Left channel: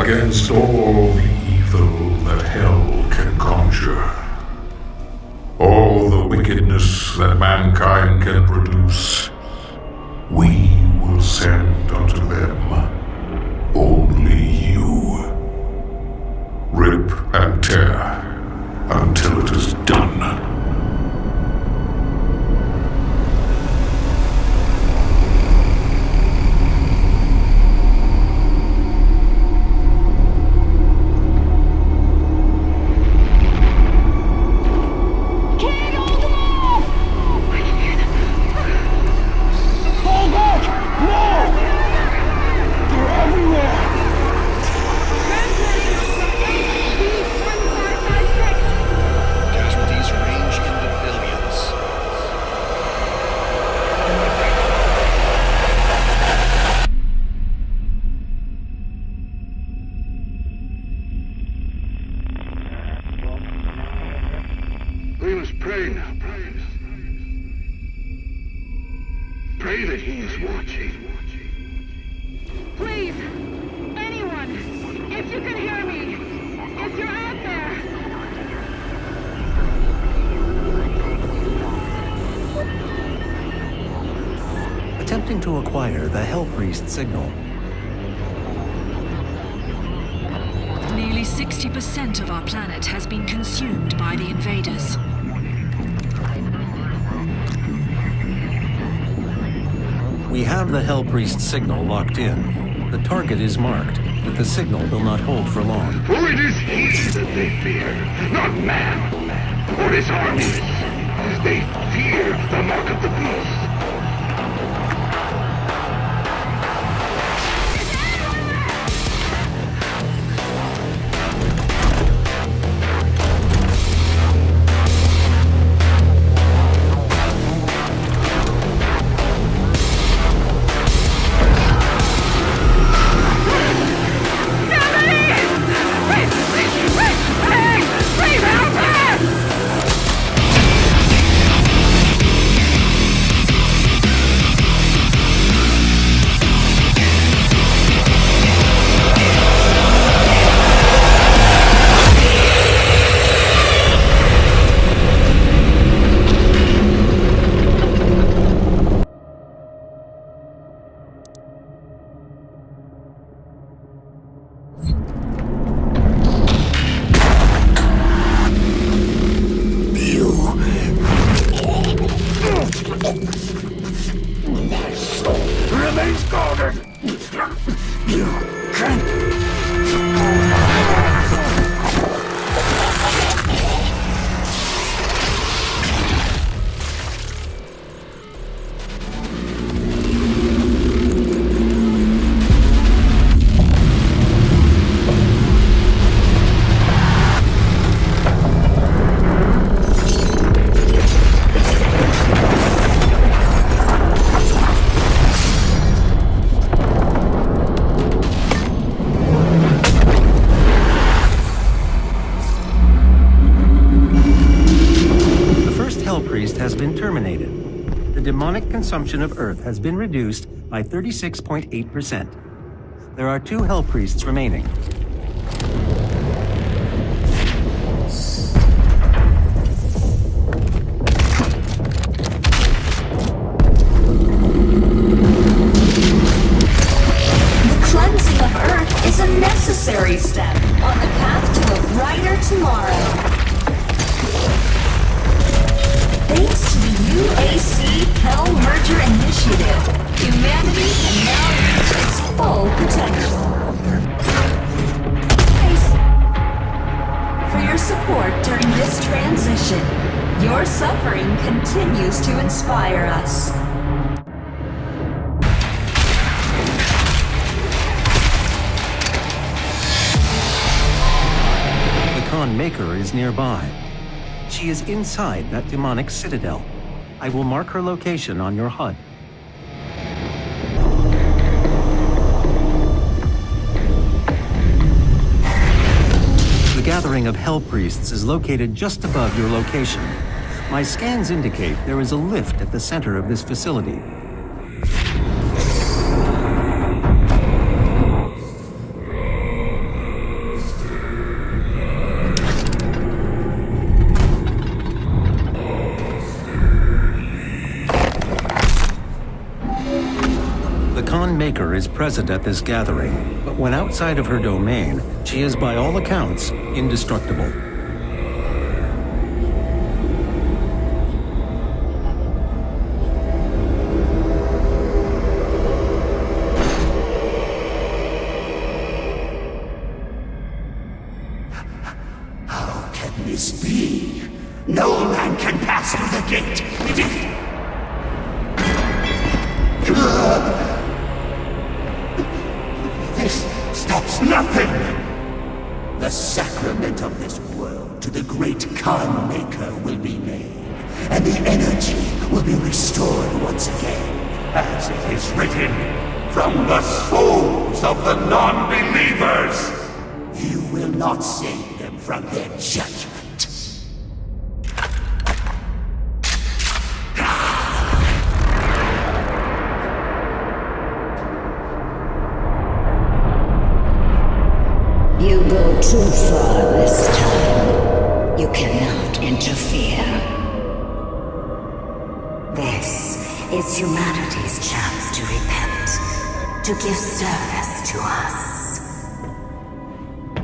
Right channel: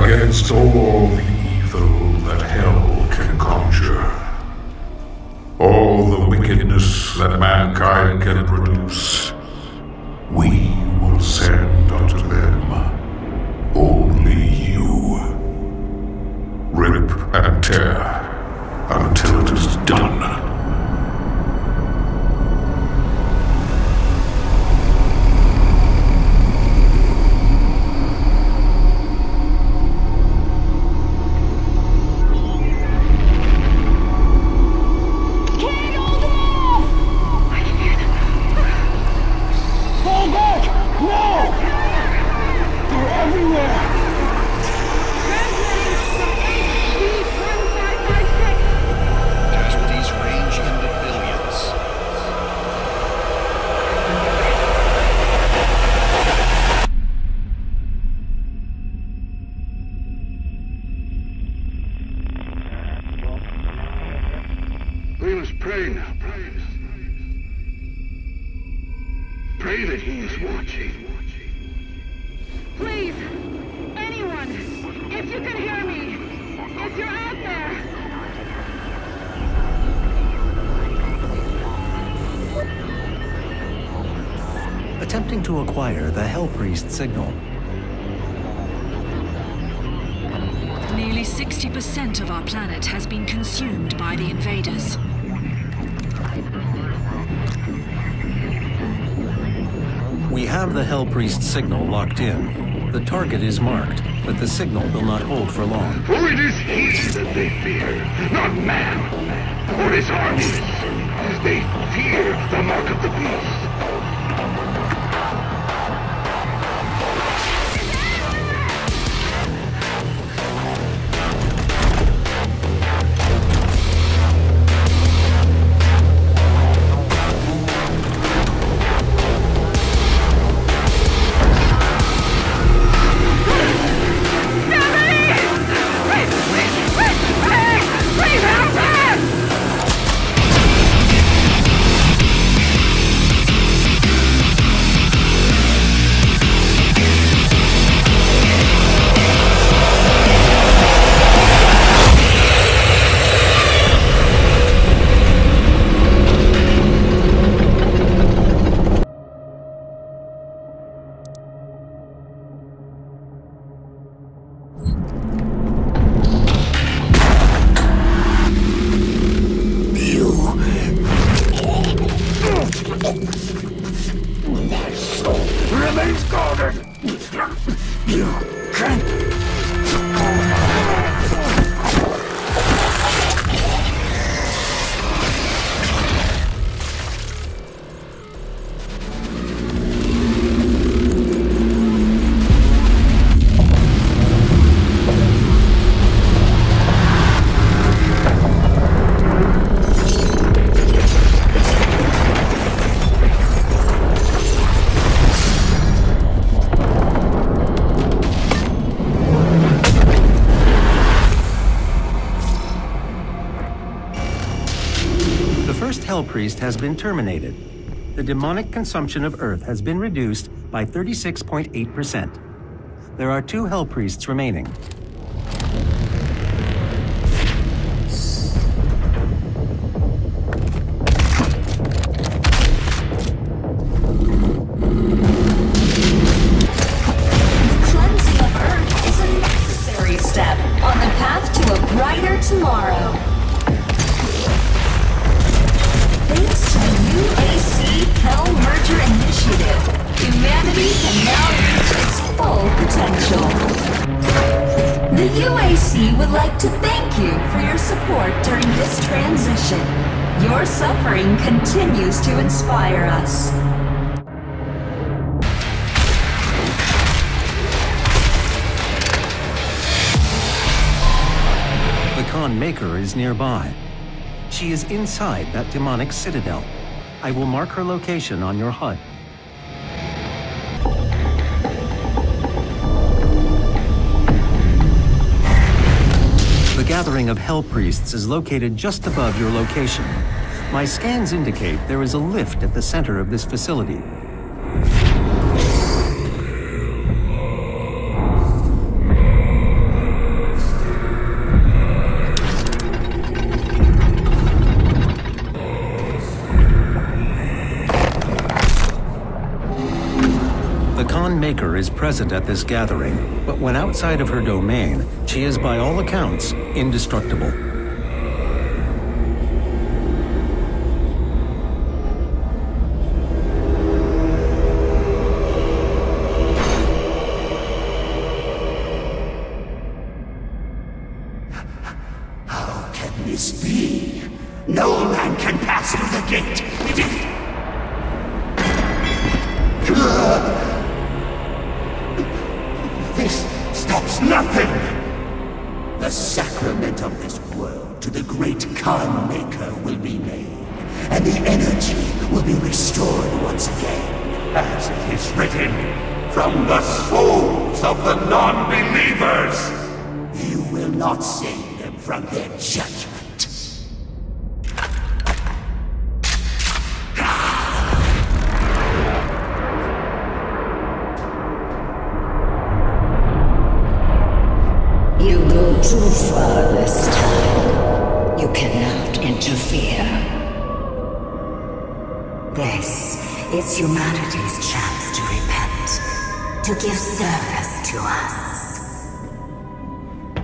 against all the evil that hell can conjure, all the wickedness that mankind can produce, we will send unto them only you. Rip and tear until it is done. We must pray now, brothers. Pray that he is watching. Please, anyone, if you can hear me, if you're out there. Attempting to acquire the Hell Priest signal. Nearly 60% of our planet has been consumed by the invaders. We have the Hell Priest signal locked in. The target is marked, but the signal will not hold for long. For it is he that they fear, not man, or his armies. They fear the mark of the beast. Remains guarded! You can't... Consumption of Earth has been reduced by 36.8%. There are 2 Hell Priests remaining. The cleansing of Earth is a necessary step on the path to a brighter tomorrow. Thanks to the UAC Hell Merger Initiative, humanity can now reach its full potential. The UAC would like to thank you for your support during this transition. Your suffering continues to inspire us. The Khan Maker is nearby. She is inside that demonic citadel. I will mark her location on your HUD. The gathering of Hell Priests is located just above your location. My scans indicate there is a lift at the center of this facility. Khan Maker is present at this gathering, but when outside of her domain, she is by all accounts indestructible. How can this be? No man can pass through the gate. It is... This stops nothing! The sacrament of this world to the great Khan Maker will be made, and the energy will be restored once again, as it is written, from the souls of the non-believers! You will not save them from their judgment. You go too far this time. You cannot interfere. This is humanity's chance to repent, to give service to us.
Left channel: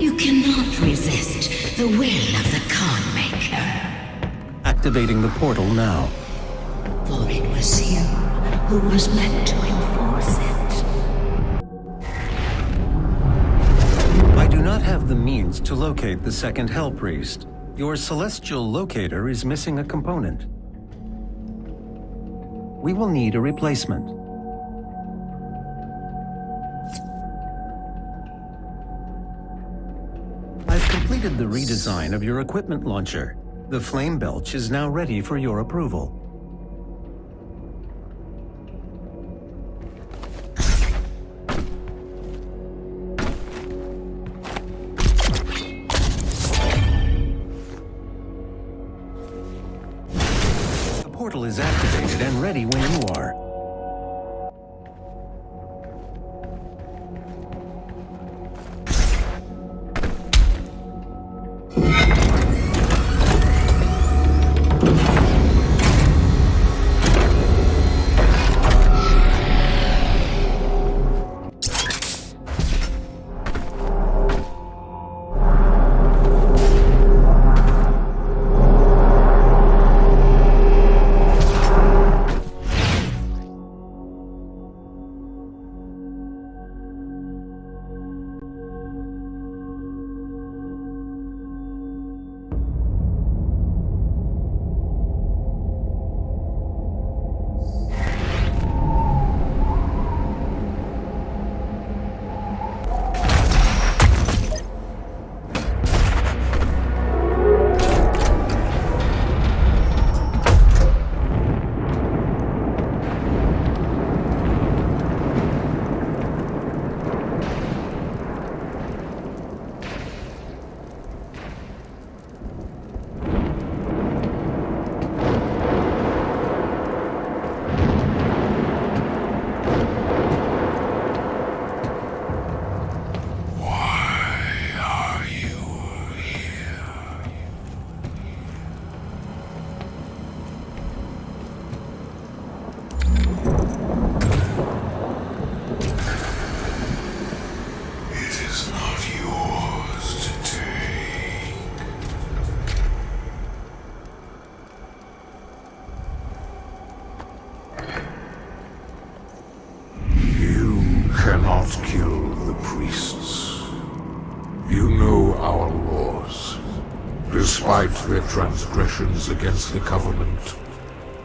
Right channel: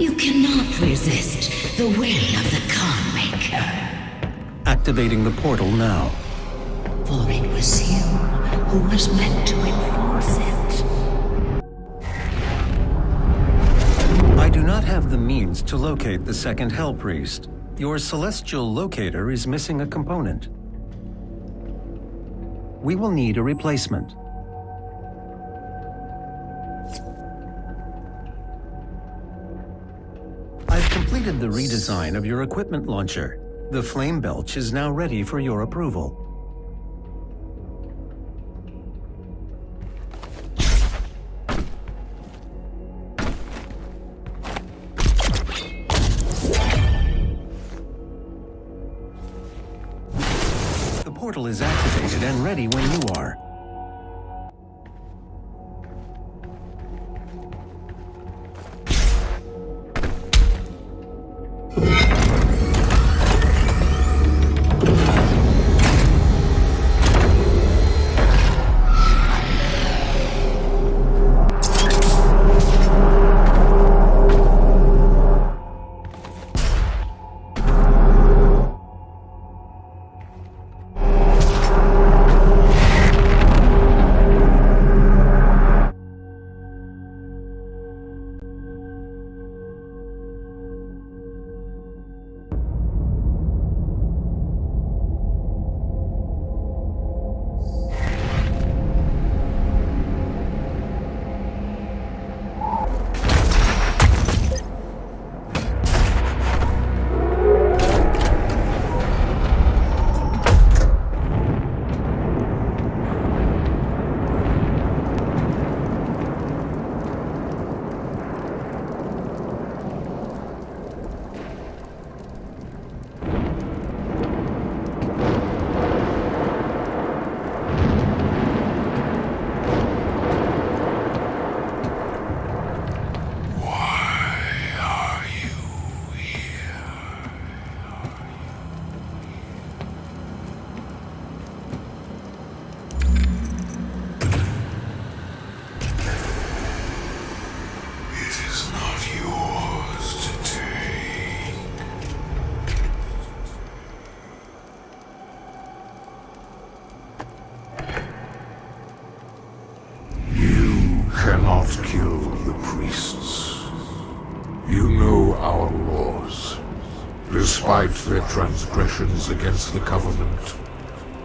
You cannot resist the will of the Khan Maker. Activating the portal now. For it was you who was meant to enforce it. I do not have the means to locate the second Hell Priest. Your celestial locator is missing a component. We will need a replacement. I've completed the redesign of your equipment launcher. The flame belch is now ready for your approval. The portal is activated and ready when you are. Cannot kill the priests. You know our laws. Despite their transgressions against the Covenant,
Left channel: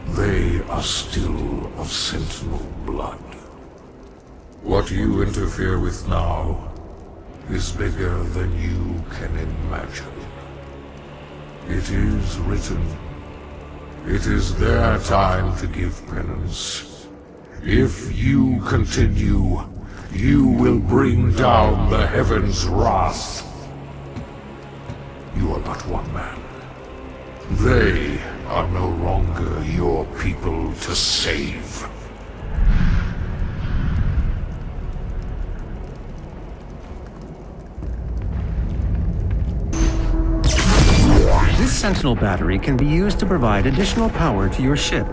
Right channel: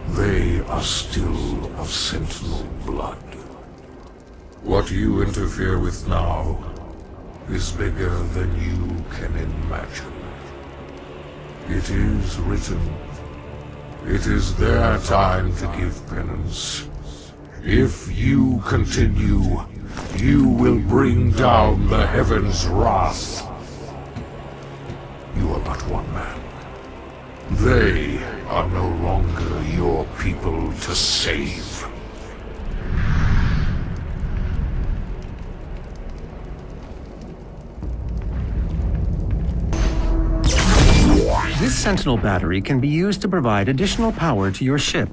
they are still of Sentinel blood. What you interfere with now is bigger than you can imagine. It is written. It is their time to give penance. If you continue, you will bring down the heavens' wrath. You are but one man. They are no longer your people to save. This Sentinel battery can be used to provide additional power to your ship.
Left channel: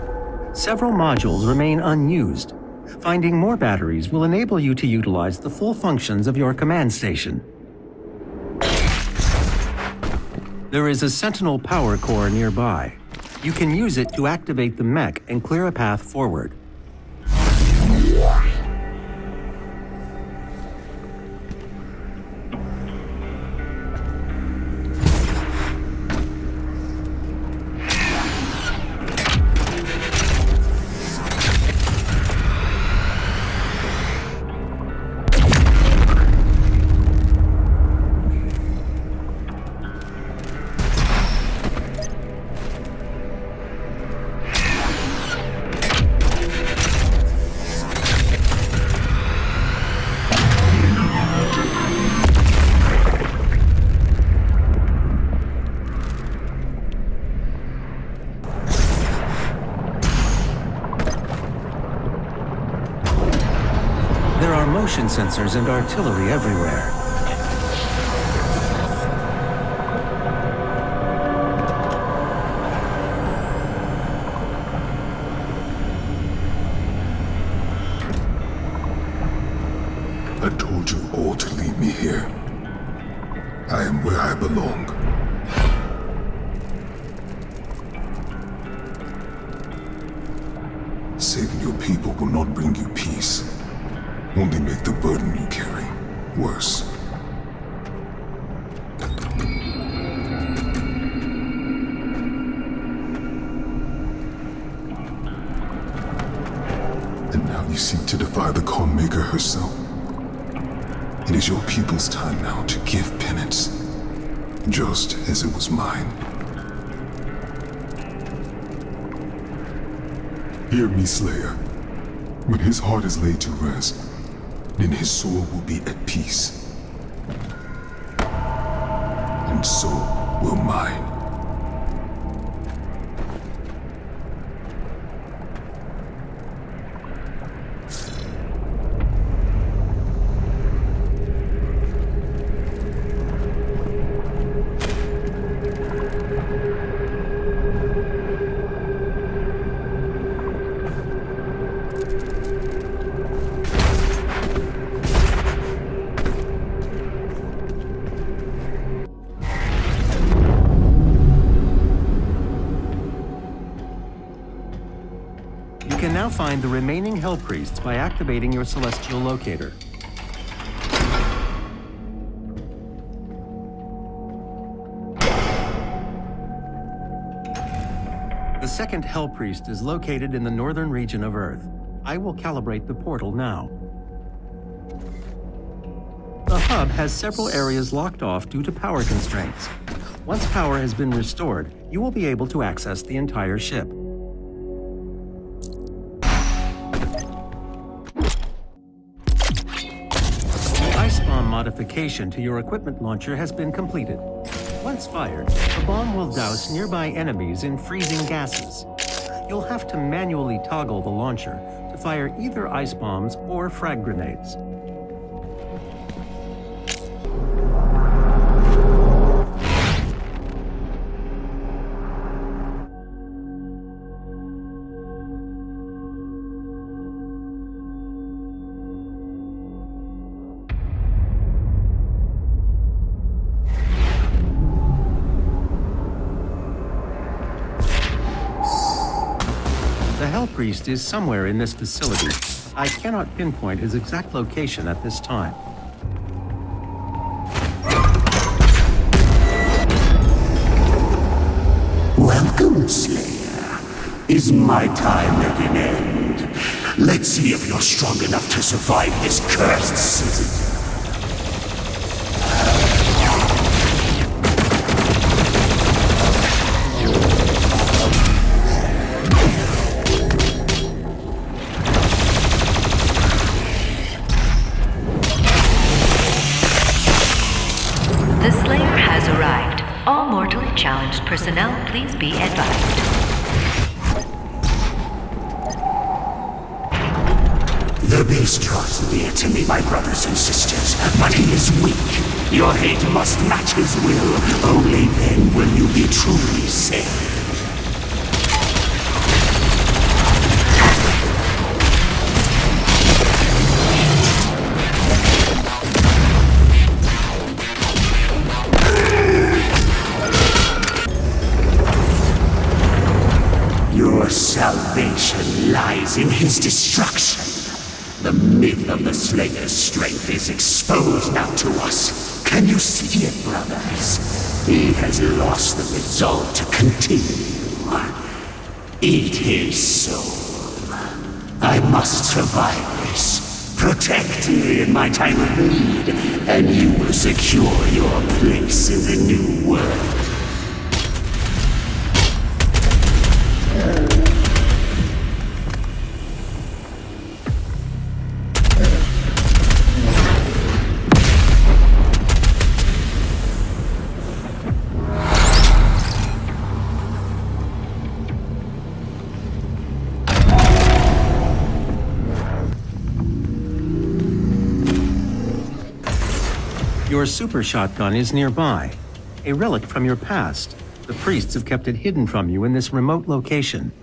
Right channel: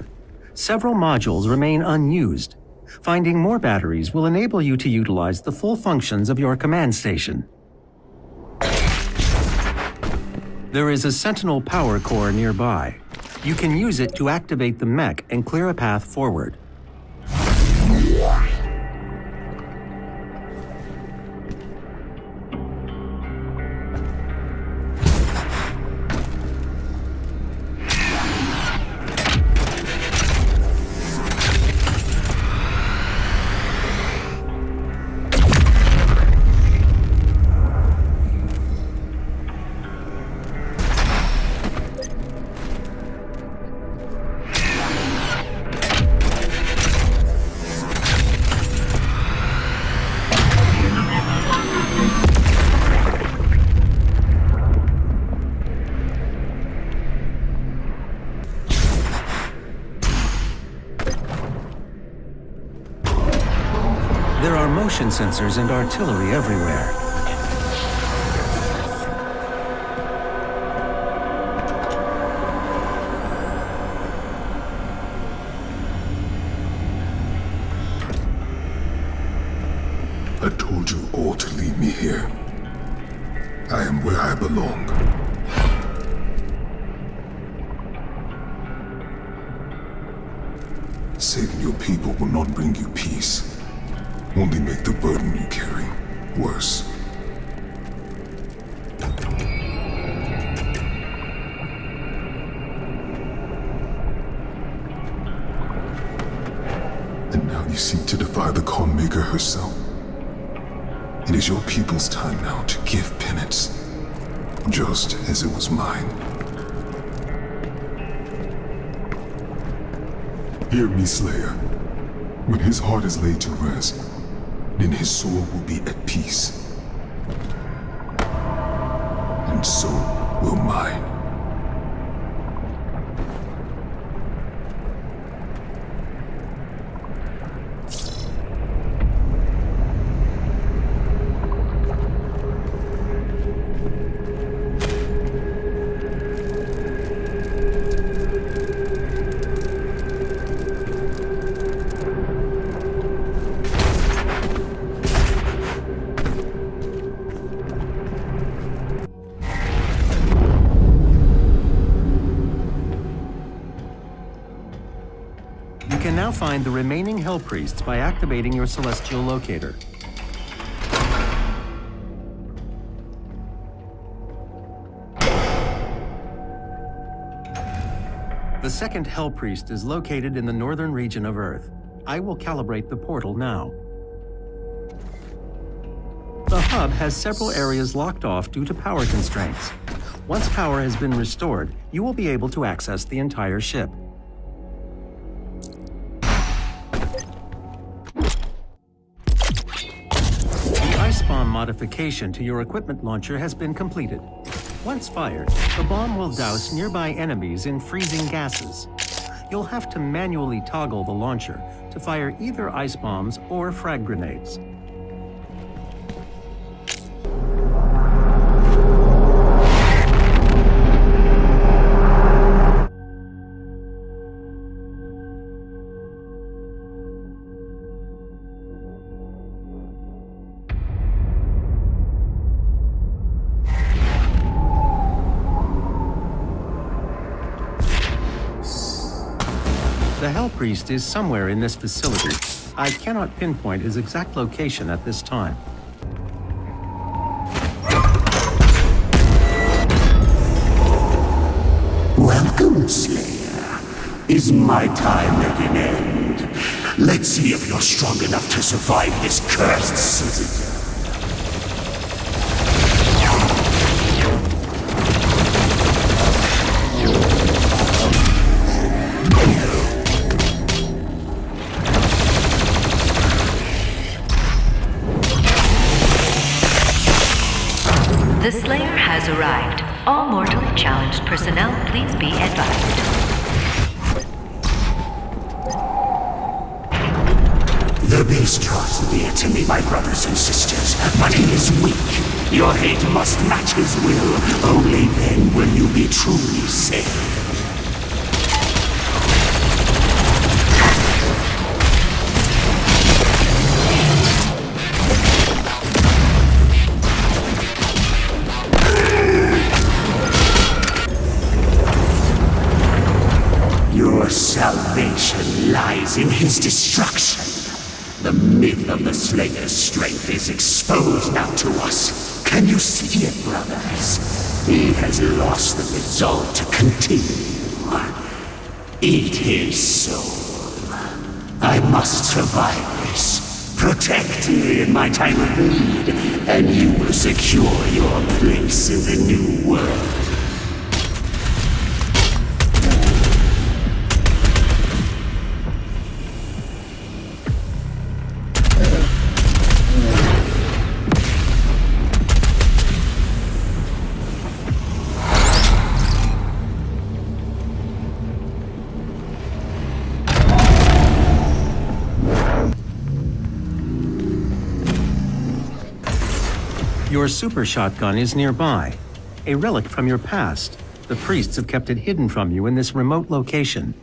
Several modules remain unused. Finding more batteries will enable you to utilize the full functions of your command station. There is a Sentinel power core nearby. You can use it to activate the mech and clear a path forward. Motion sensors and artillery everywhere. I told you all to leave me here. I am where I belong. Saving your people will not bring you peace. Only make the burden you carry worse. And now you seek to defy the Calm Maker herself. It is your people's time now to give penance, just as it was mine. Hear me, Slayer. When his heart is laid to rest, then his soul will be at peace. And so will mine. Find the remaining Hell Priests by activating your celestial locator. The second Hell Priest is located in the northern region of Earth. I will calibrate the portal now. The hub has several areas locked off due to power constraints. Once power has been restored, you will be able to access the entire ship. Modification to your equipment launcher has been completed. Once fired, the bomb will douse nearby enemies in freezing gases. You'll have to manually toggle the launcher to fire either ice bombs or frag grenades. Priest is somewhere in this facility. I cannot pinpoint his exact location at this time. Welcome, Slayer. Is my time at an end? Let's see if you're strong enough to survive this cursed city. The Slayer has arrived. All mortally challenged personnel, please be advised. The beast draws near to me, my brothers and sisters, but he is weak. Your hate must match his will. Only then will you be truly saved. salvation lies in his destruction. The myth of the Slayer's strength is exposed now to us. Can you see it, brothers? He has lost the resolve to continue. Eat his soul. I must survive this. Protect me in my time of need, and you will secure your place in the new world. Your super shotgun is nearby. A relic from your past. The priests have kept it hidden from you in this remote location.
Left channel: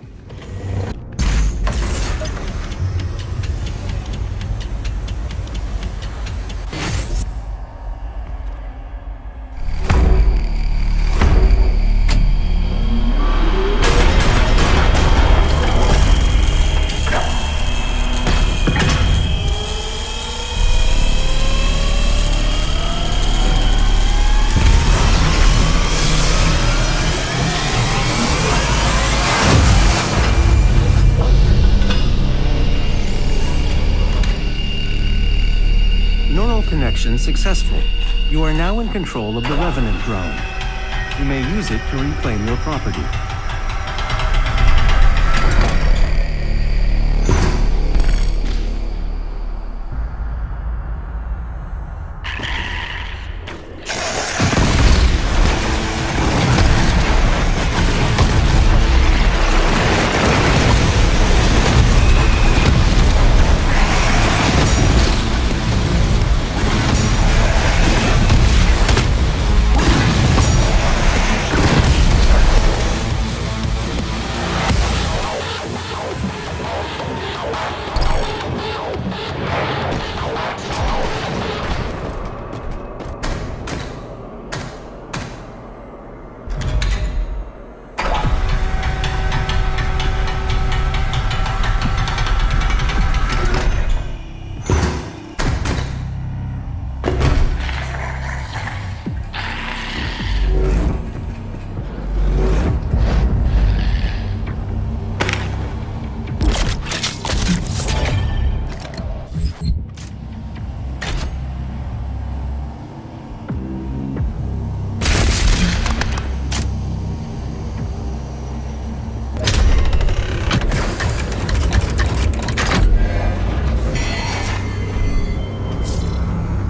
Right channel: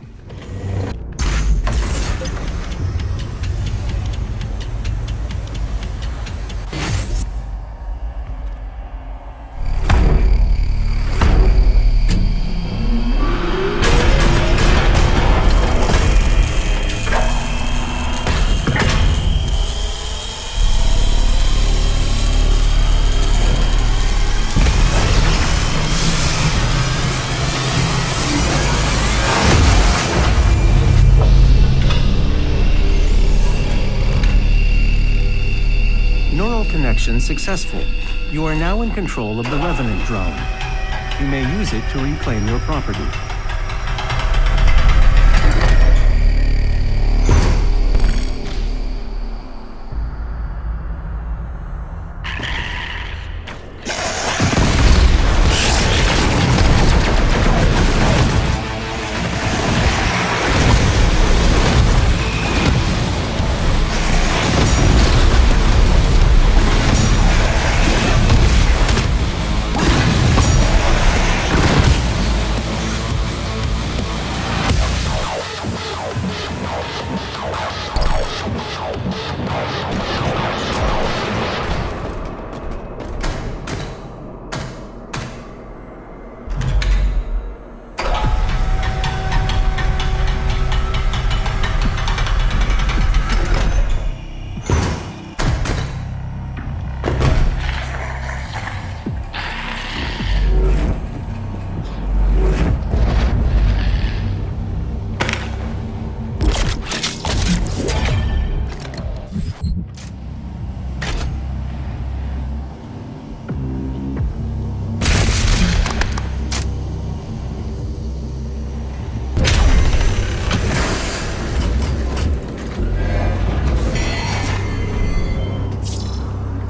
Connection successful. You are now in control of the Revenant drone. You may use it to reclaim your property.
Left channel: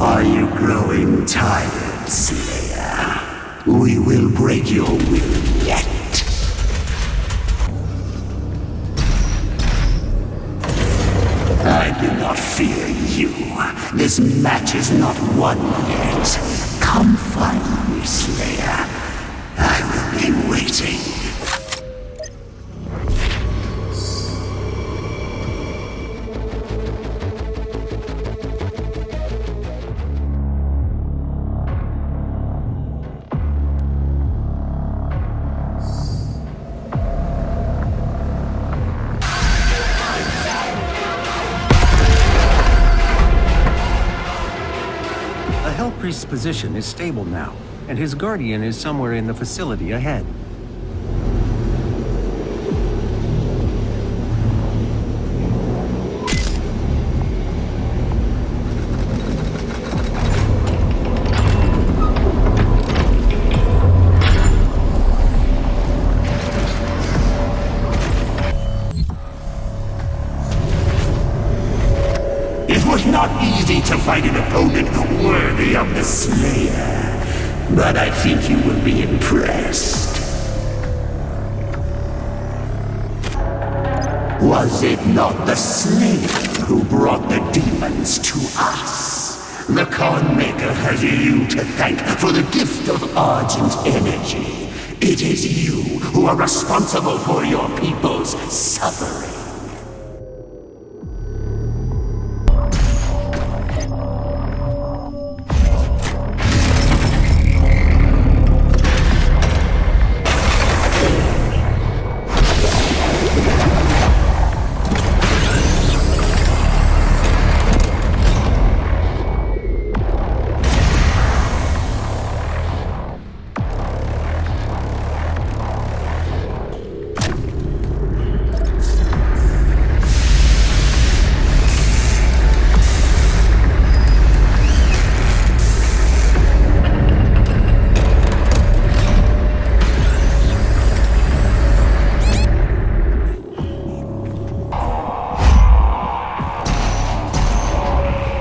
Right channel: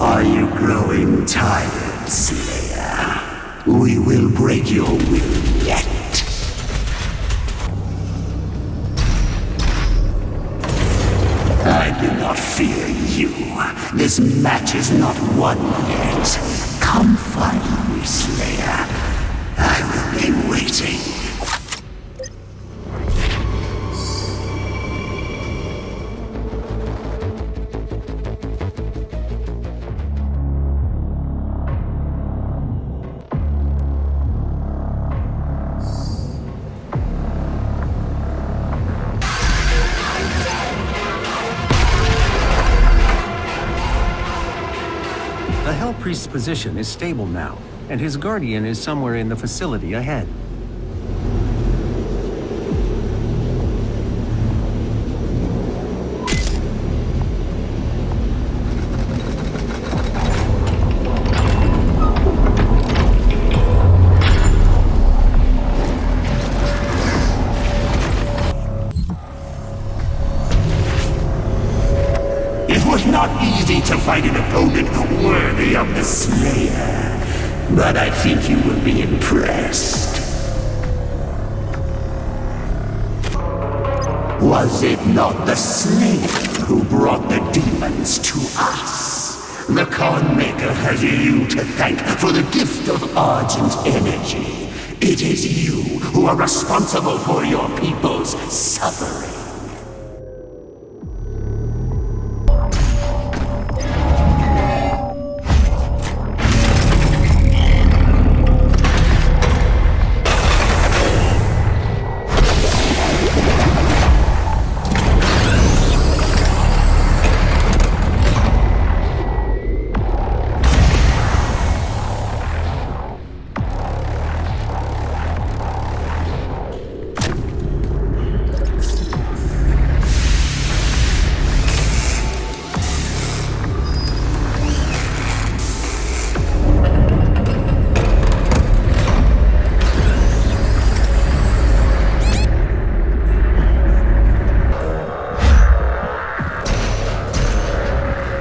Are you growing tired, Slayer? We will break your will yet. I do not fear you. This match is not won yet. Come find me, Slayer. I will be waiting. Priest's position is stable now, and his guardian is somewhere in the facility ahead. It was not easy to find an opponent worthy of the Slayer, but I think you will be impressed. Was it not the Slayer who brought the demons to us? The Khan Maker has you to thank for the gift of Argent energy. It is you who are responsible for your people's suffering.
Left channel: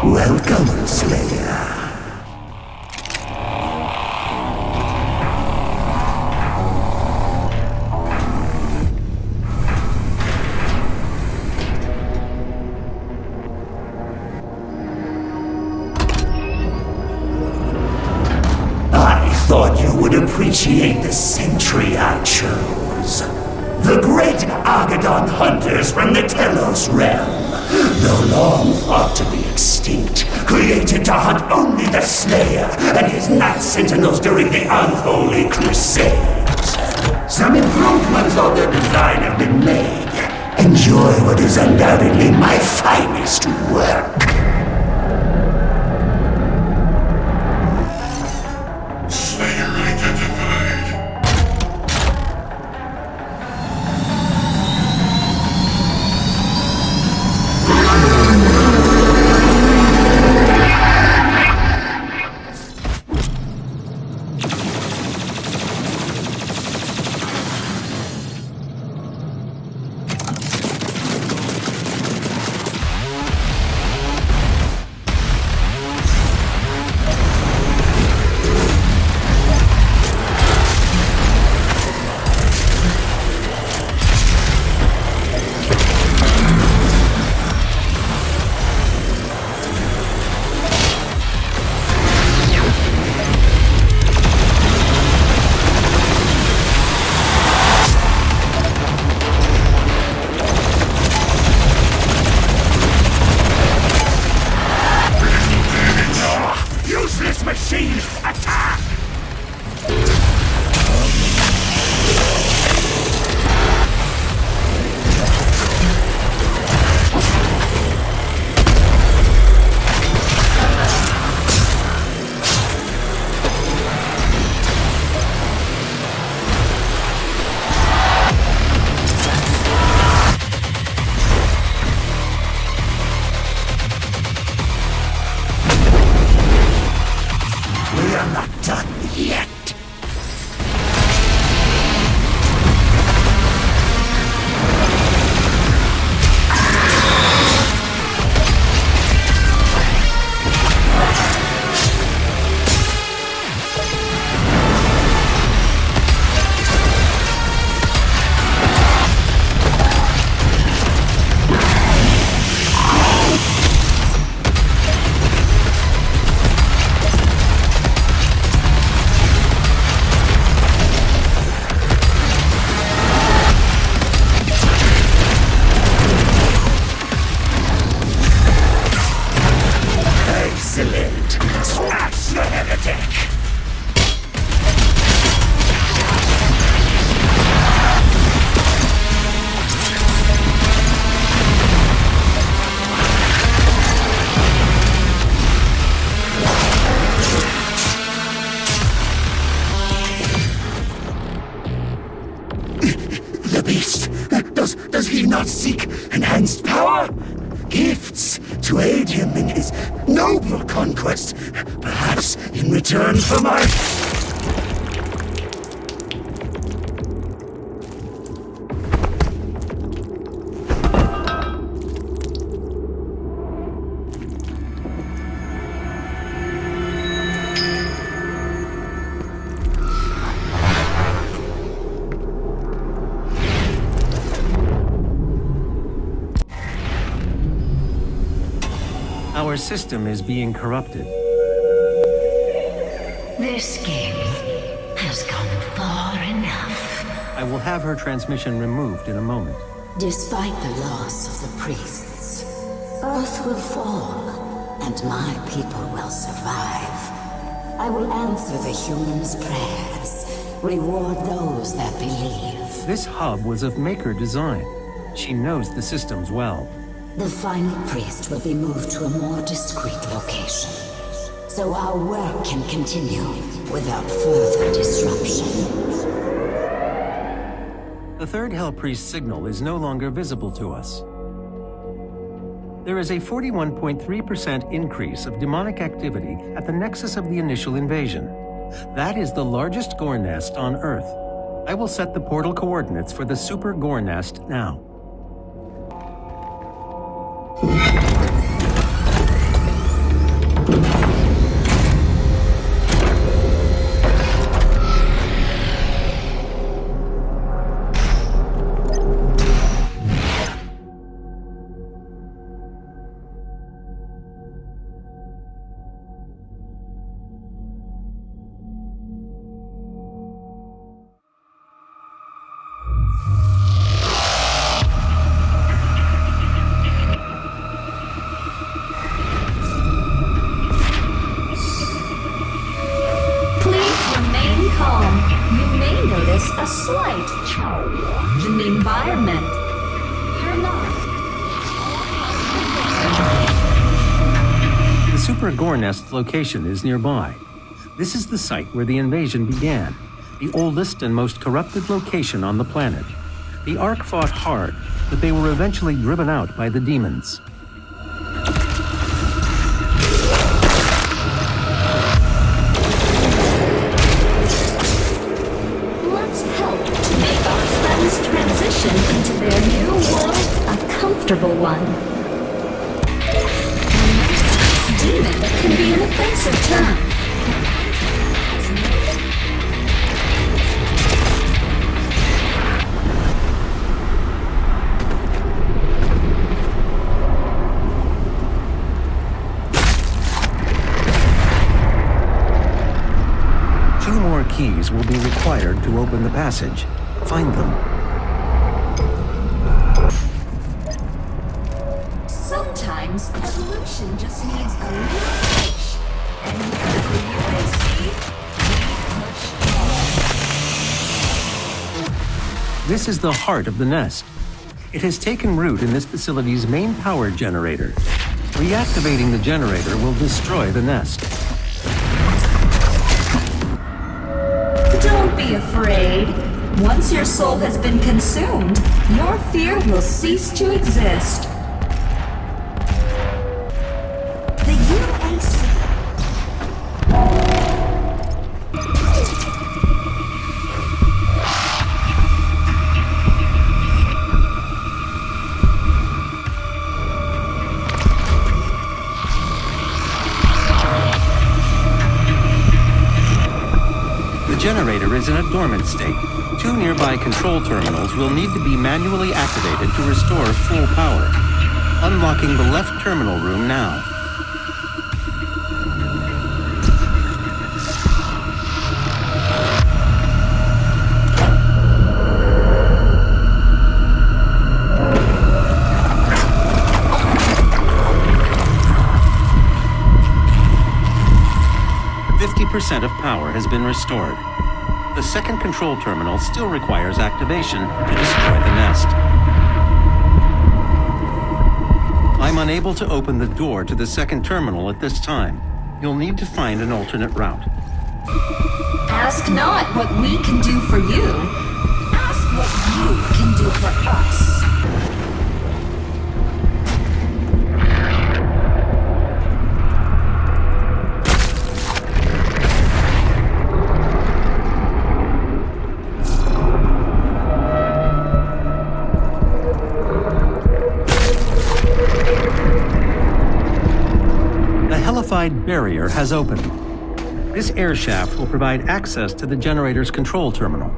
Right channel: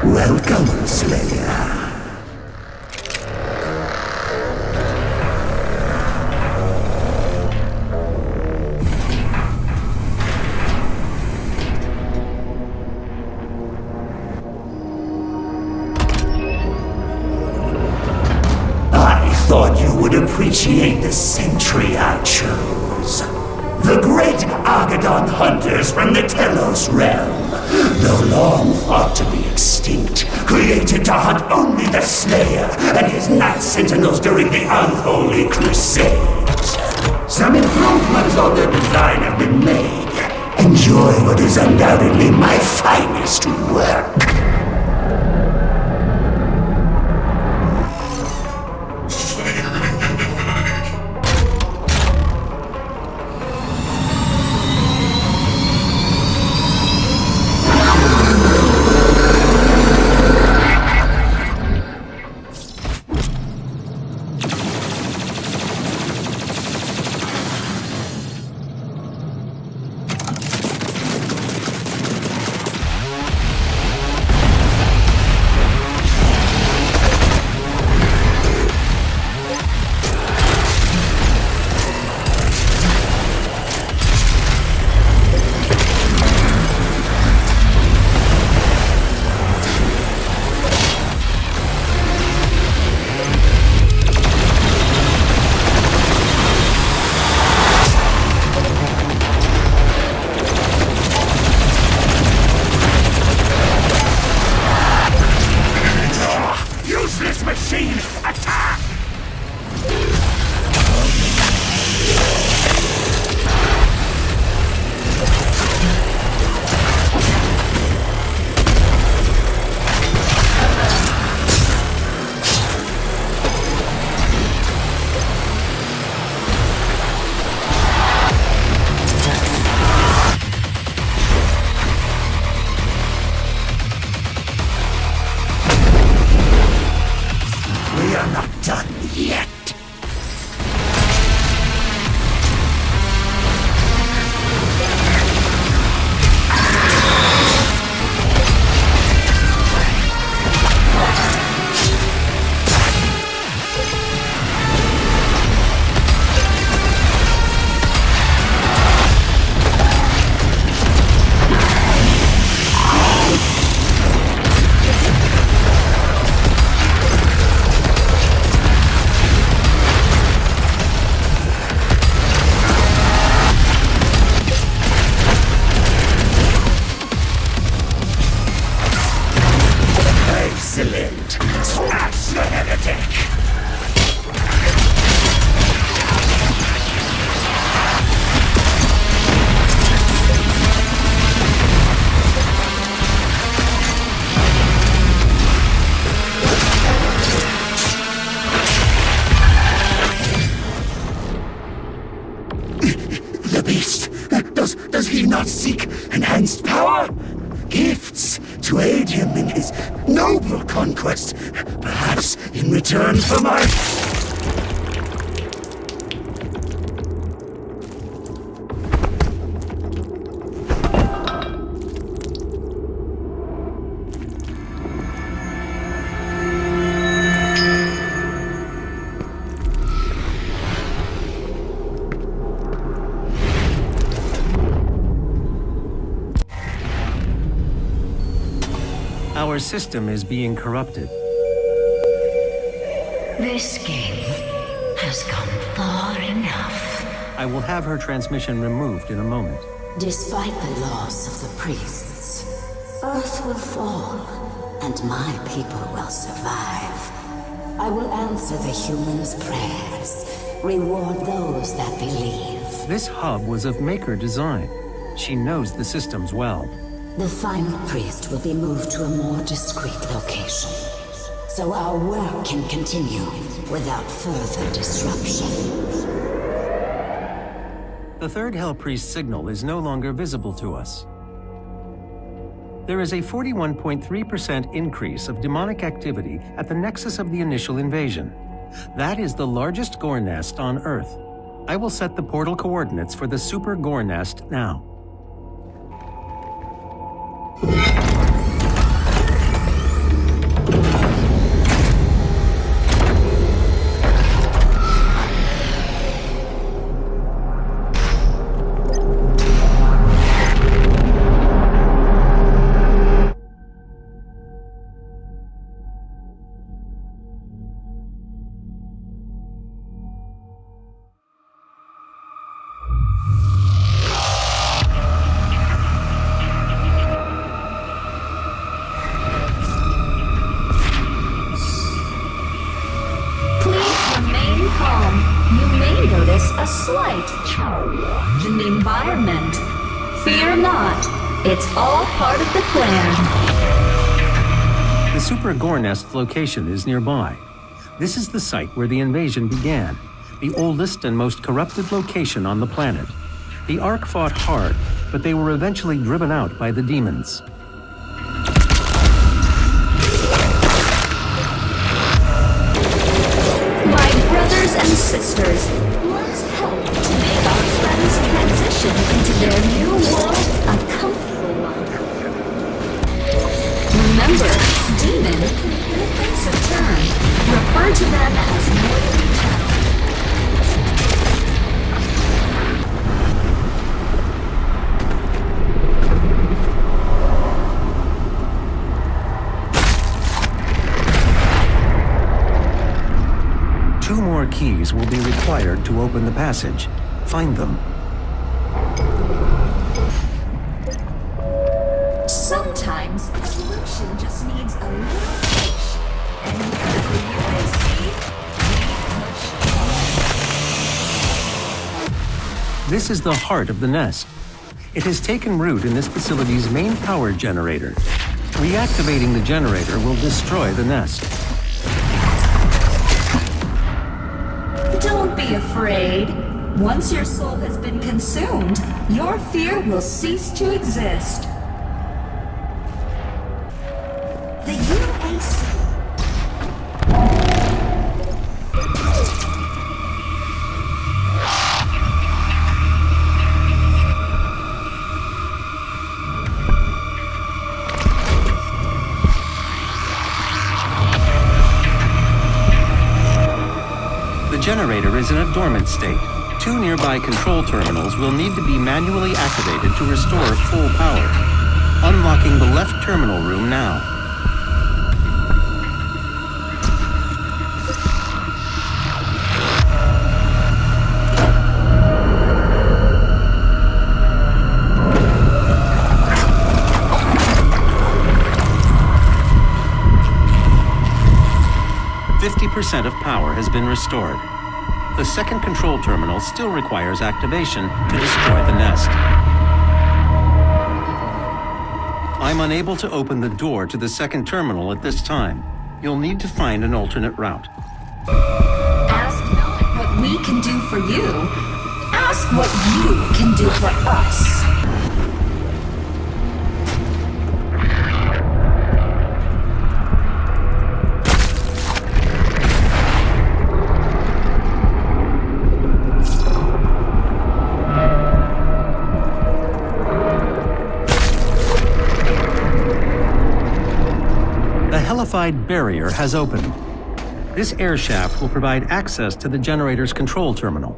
Welcome, Slayer. I thought you would appreciate the sentry I chose. The great Argadon hunters from the Telos realm, though long thought to be extinct, created to hunt only the Slayer and his Night Sentinels during the Unholy Crusades. Some improvements on their design have been made. Enjoy what is undoubtedly my finest work. Machine, attack! We are not done yet. Excellent! Smash the heretic! The beast! Does he not seek enhanced power? Gifts to aid him in his noble conquest, perhaps in return for my... Our system is being corrupted. This game has gone far enough. I will have her transmission removed in a moment. Despite the loss of the priests, Earth will fall, and my people will survive. I will answer the humans' prayers, reward those that believe. This hub was of Maker design. She knows the systems well. The final priest will be moved to a more discreet location, so our work can continue without further disruption. The third Hell Priest signal is no longer visible to us. There is a 41.3% increase of demonic activity at the nexus of the initial invasion. That is the largest Gore nest on Earth. I will set the portal coordinates for the Super Gore nest now. this a slight change in the environment. Fear not, it's all part of the plan. The Super Gore Nest location is nearby. This is the site where the invasion began, the oldest and most corrupted location on the planet. The Ark fought hard, but they were eventually driven out by the demons. My brothers and sisters, let's help to make our friends transition into their new world a comfortable one. Remember, demon can be an offensive term. Refer to them as mortal. Keys will be required to open the passage. Find them. Sometimes evolution just needs a little push. And here at the UAC, we push. This is the heart of the nest. It has taken root in this facility's main power generator. Reactivating the generator will destroy the nest. Don't be afraid. Once your soul has been consumed, your fear will cease to exist. The UAC. 2 nearby control terminals will need to be manually activated to restore full power. Unlocking the left terminal room now. Of power has been restored. The second control terminal still requires activation to destroy the nest. I'm unable to open the door to the second terminal at this time. You'll need to find an alternate route. Ask not what we can do for you. Ask what you can do for us. Barrier has opened. This air shaft will provide access to the generator's control terminal.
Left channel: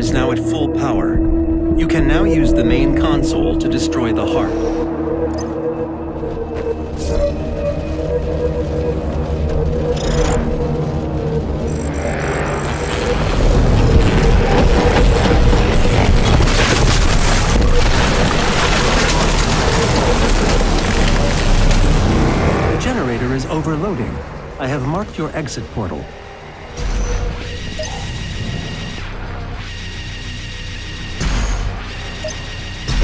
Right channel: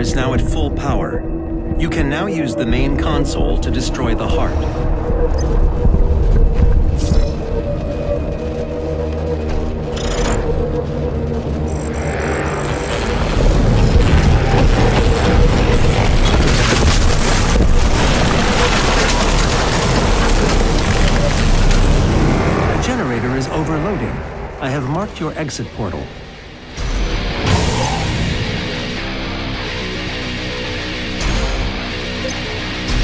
Is now at full power. You can now use the main console to destroy the heart. The generator is overloading. I have marked your exit portal.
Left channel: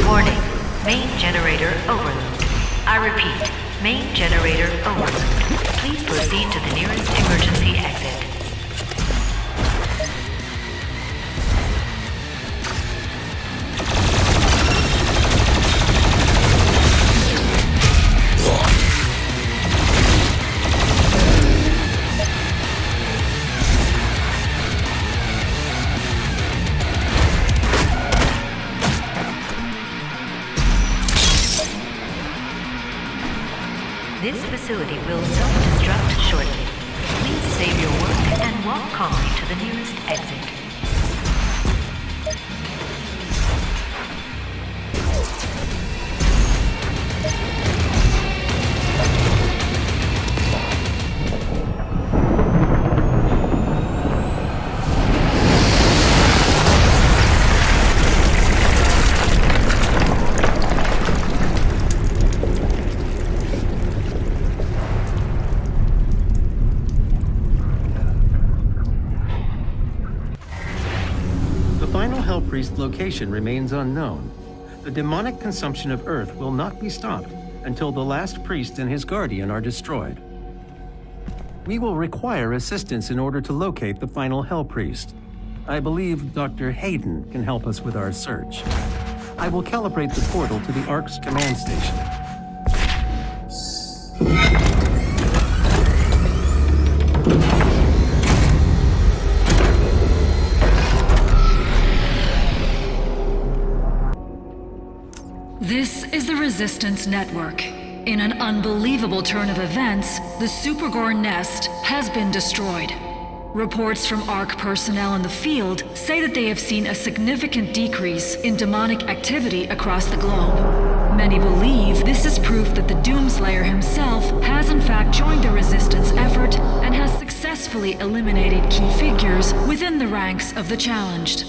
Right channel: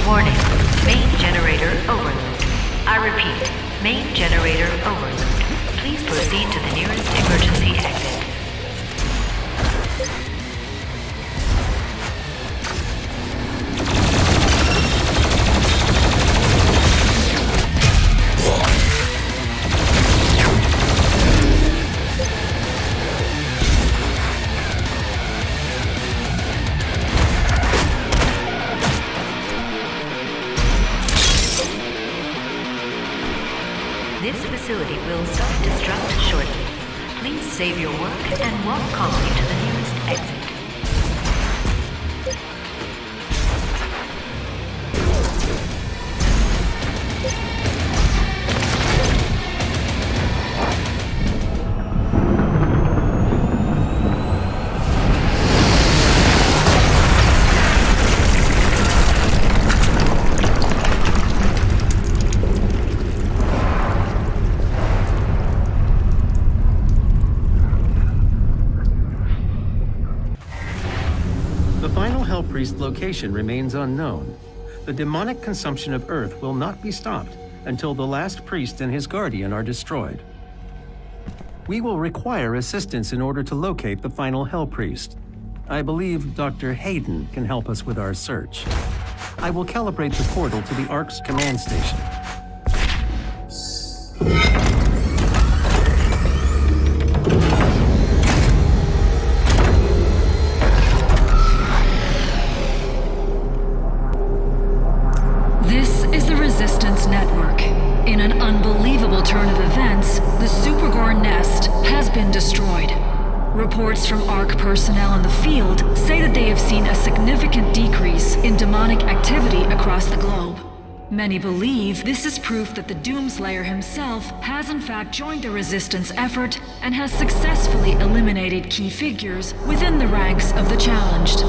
Warning, main generator overload. I repeat, main generator overload. Please proceed to the nearest emergency exit. This facility will self-destruct shortly. Please save your work and walk calmly to the nearest exit. Location remains unknown. The demonic consumption of Earth will not be stopped until the last priest and his guardian are destroyed. We will require assistance in order to locate the final Hell Priest. I believe Dr. Hayden can help us with our search. I will calibrate the portal to the Ark's command station. This is the Resistance Network. In an unbelievable turn of events, the Super-GORE nest has been destroyed. Reports from ARC personnel in the field say that they have seen a significant decrease in demonic activity across the globe. Many believe this is proof that the Doomslayer himself has in fact joined the Resistance effort and has successfully eliminated key figures within the ranks of the challenged.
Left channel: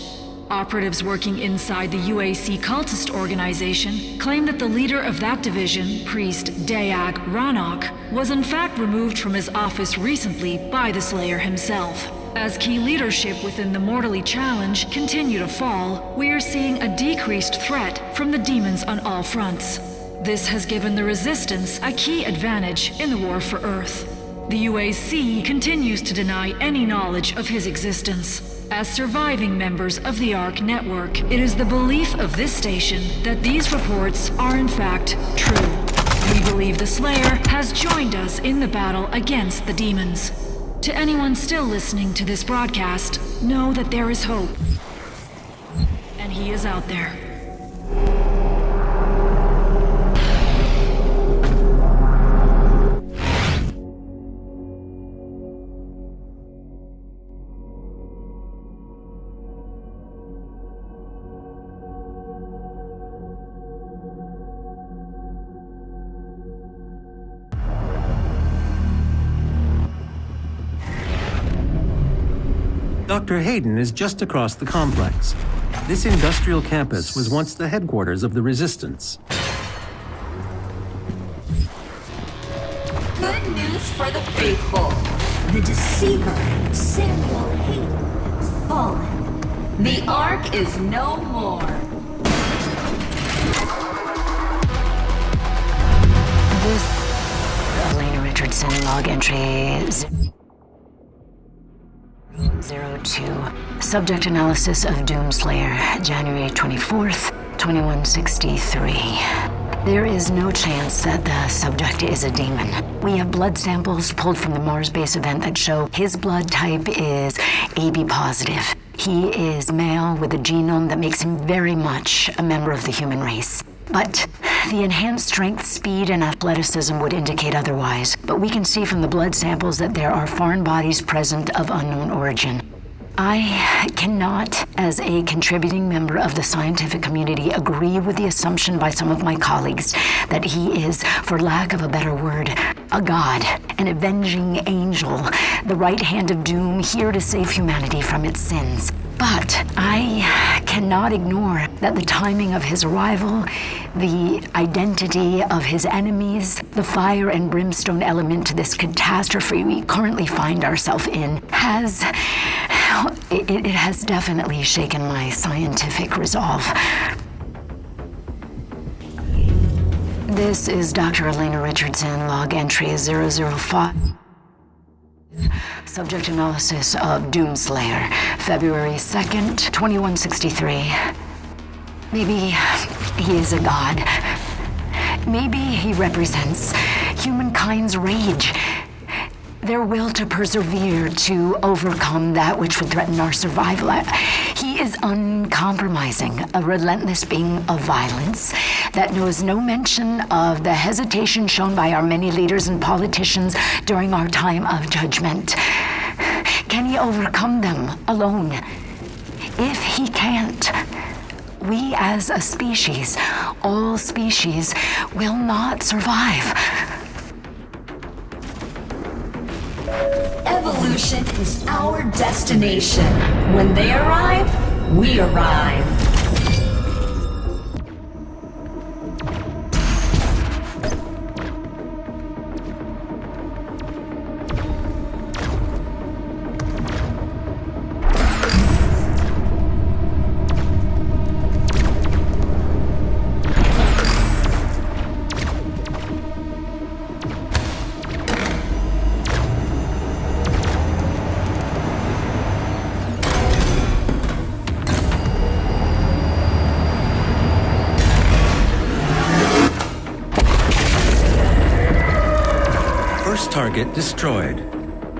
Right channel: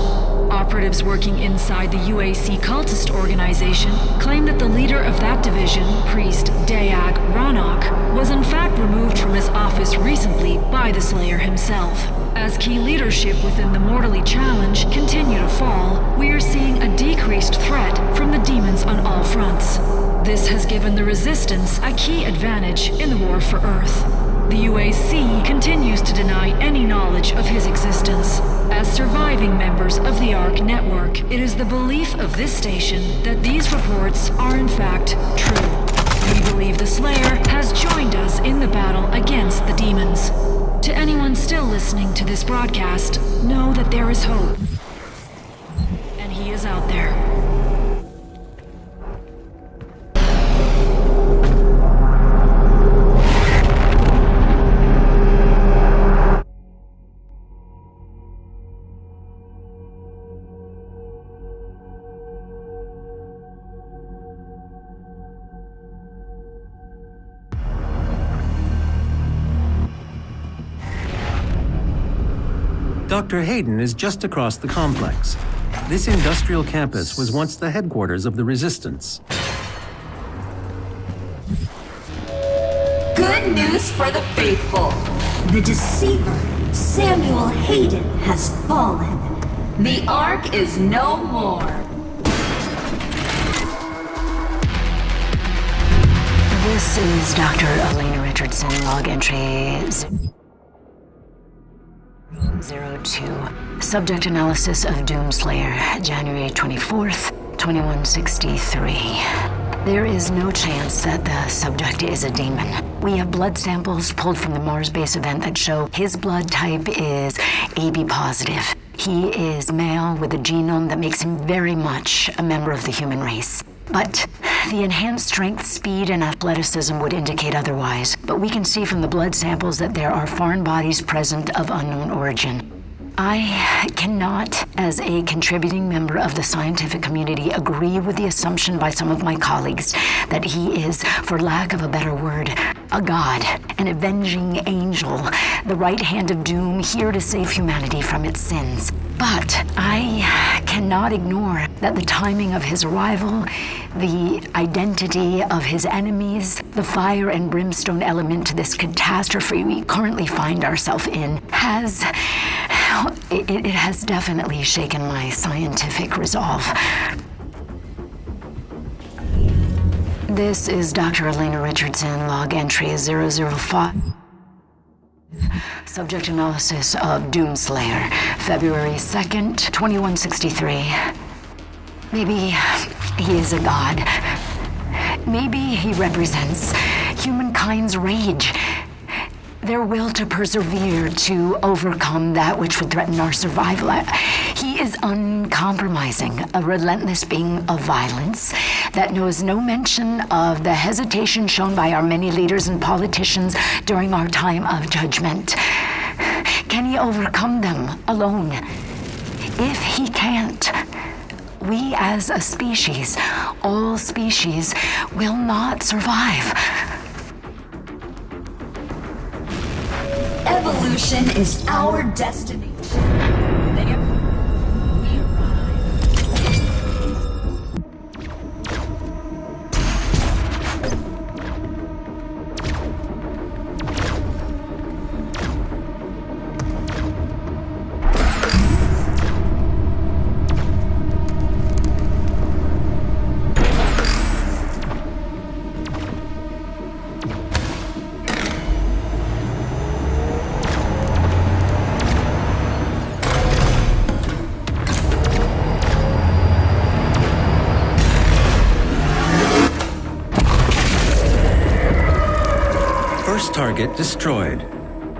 Operatives working inside the UAC Cultist organization claim that the leader of that division, Priest Dayak Ranok, was in fact removed from his office recently by the Slayer himself. As key leadership within the Mortally Challenge continue to fall, we are seeing a decreased threat from the demons on all fronts. This has given the Resistance a key advantage in the war for Earth. The UAC continues to deny any knowledge of his existence. As surviving members of the ARC network, it is the belief of this station that these reports are in fact true. We believe the Slayer has joined us in the battle against the demons. To anyone still listening to this broadcast, know that there is hope. And he is out there. Dr. Hayden is just across the complex. This industrial campus was once the headquarters of the Resistance. Good news for the faithful. The deceiver, Samuel Hayden, has fallen. The Ark is no more. This is Dr. Elena Richardson, log entry 02. Subject analysis of Doomslayer, January 24th, 2163. There is no chance that the subject is a demon. We have blood samples pulled from the Mars base event that show his blood type is AB positive. He is male with a genome that makes him very much a member of the human race. But the enhanced strength, speed, and athleticism would indicate otherwise. But we can see from the blood samples that there are foreign bodies present of unknown origin. I cannot, as a contributing member of the scientific community, agree with the assumption by some of my colleagues that he is, for lack of a better word, a god, an avenging angel, the right hand of doom, here to save humanity from its sins. But I cannot ignore that the timing of his arrival, the identity of his enemies, the fire and brimstone element to this catastrophe we currently find ourselves in has definitely shaken my scientific resolve. This is Dr. Elena Richardson, log entry 005. Subject analysis of Doomslayer, February 2nd, 2163. Maybe he is a god. Maybe he represents humankind's rage, their will to persevere, to overcome that which would threaten our survival. He is uncompromising, a relentless being of violence that knows no mention of the hesitation shown by our many leaders and politicians during our time of judgment. Can he overcome them alone? If he can't, we as a species, all species, will not survive. Evolution is our destination. When they arrive, we arrive. Target destroyed.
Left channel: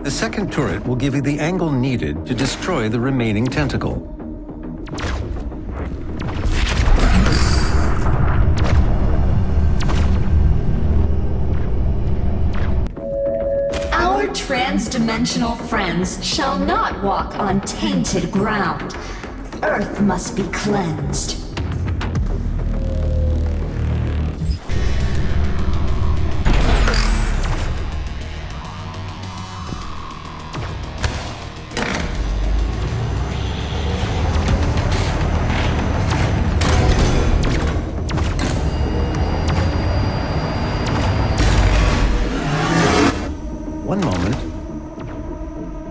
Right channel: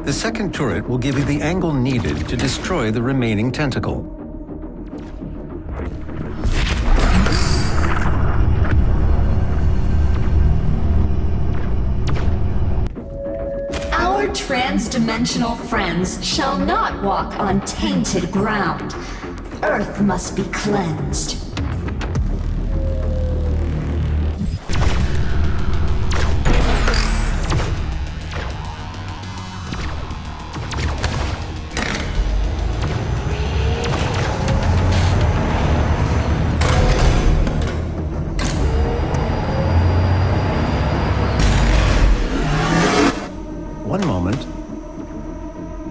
The second turret will give you the angle needed to destroy the remaining tentacle. Our trans-dimensional friends shall not walk on tainted ground. Earth must be cleansed.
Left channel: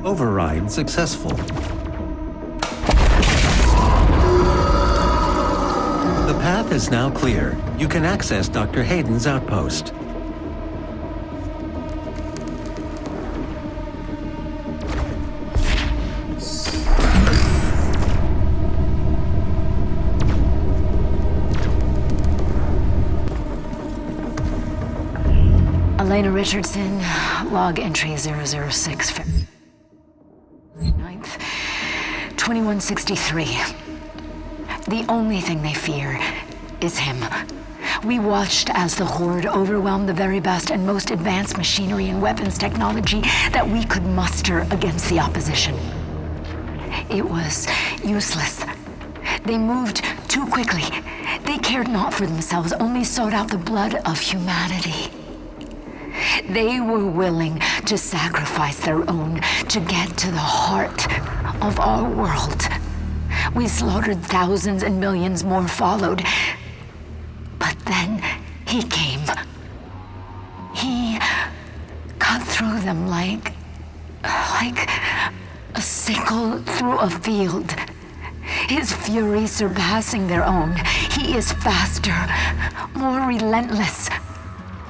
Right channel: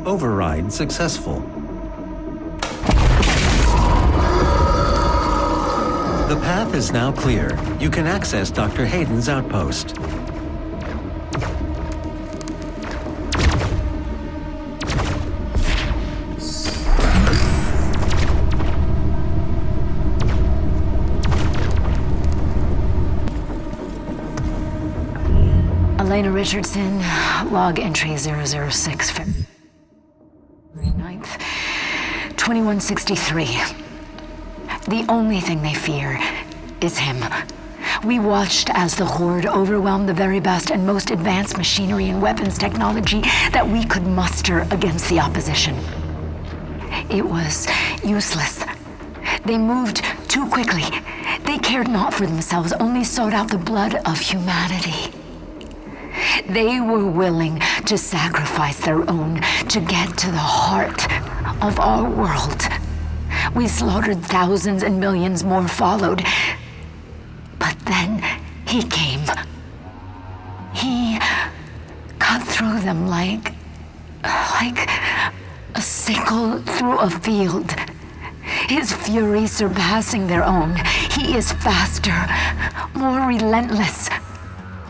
Override successful. The path is now clear. You can access Dr. Hayden's outpost. Elena Richardson, log entry 006, February 9th, 2163. The only thing they fear is him. We watched as the Horde overwhelmed the very best and most advanced machinery and weapons technology that we could muster against the opposition. It was useless. They moved too quickly. They cared not for themselves, only sought out the blood of humanity. They were willing to sacrifice their own to get to the heart of our world. We slaughtered thousands and millions more followed. But then he came. He cut through them like a sickle through a field. His fury surpassing their own. He is faster, more relentless.